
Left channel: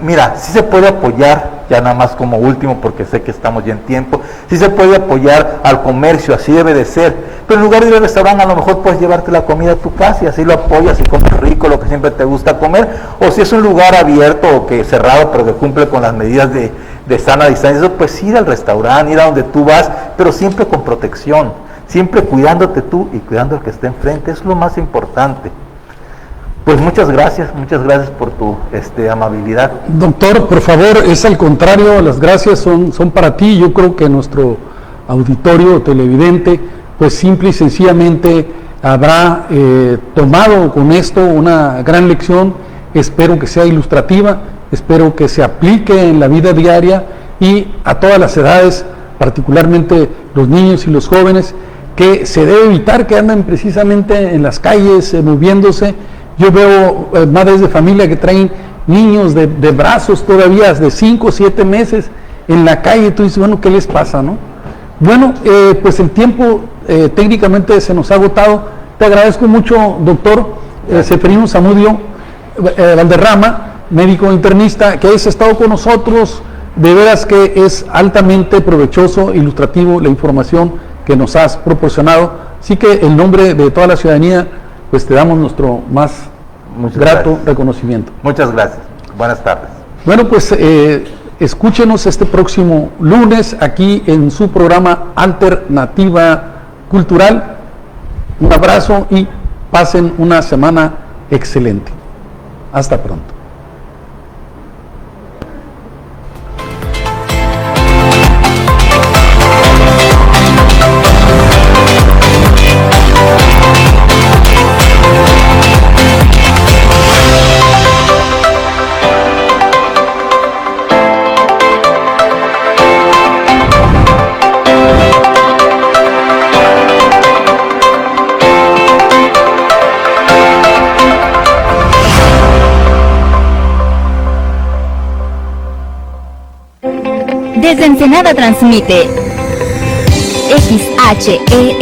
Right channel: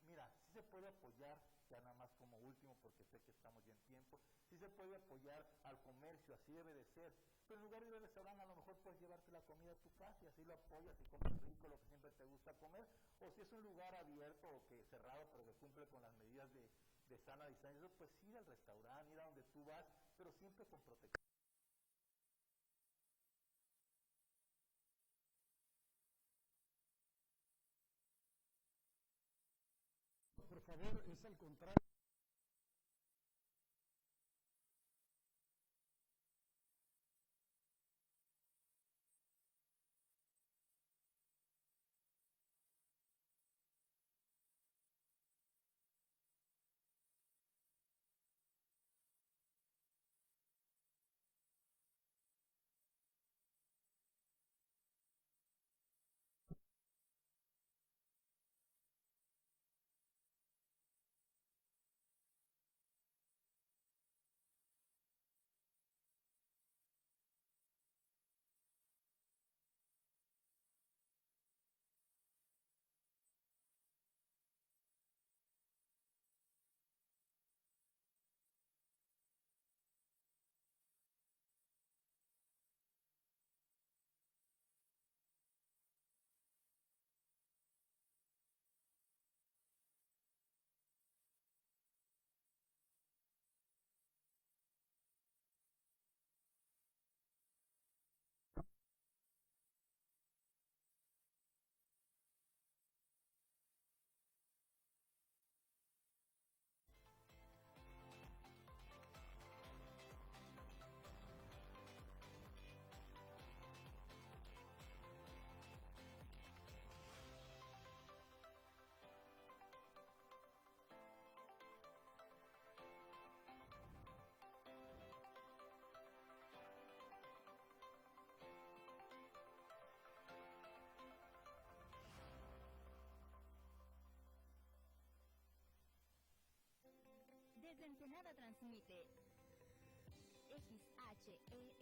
mira, sí se puede apoyar, ya nada más como último porque sé que estamos ya en tiempo, sí se puede apoyar al comercio, así debe de ser, pero en lugar de ir al restaurante a lo mejor puedes llevarte la comida a tu casa y así lo apoyas y comes rico, lo que siempre te gusta comer, o si es un lugar abierto o que cerrado pero que cumple con las medidas de sana distancia, pues ir al restaurante, ir a donde tú vas, pero siempre con protección, siempre cuidándote tú y cuidando al que esté enfrente, es lo más importante. Pues muchas gracias por tu amabilidad. Doctor, por favor, es al contrario, las gracias son para ti. Yo creo que nuestro auditorio televidente, pues simple y sencillamente habrá tomado con esto una gran lección. Espero que sea ilustrativa, espero que se aplique en la vida diaria y a todas las edades, particularmente los niños y los jóvenes, que se debe evitar que anden precisamente en las calles moviéndose. Yo veo madres de familia que traen niños de brazos todavía de 5 o 7 meses en la calle, y tú dices, bueno, ¿qué les pasa, no? Bueno, pues el tiempo técnicamente se nos ha agotado. Te agradezco mucho, doctor Ceferino Zamudio Valderrama, médico internista, que has estado con nosotros. De veras que es altamente provechoso, ilustrativo la información que nos has proporcionado. Así que en nombre de toda la ciudadanía, pues te damos nuestro más grato reconocimiento. Muchas gracias. Buenas tardes. Bueno, pues escúchenos este próximo lunes aquí en su programa Alternativa Cultural. Un abrazo y pasen una semana excelente. Hasta pronto. Desde Ensenada transmite XHE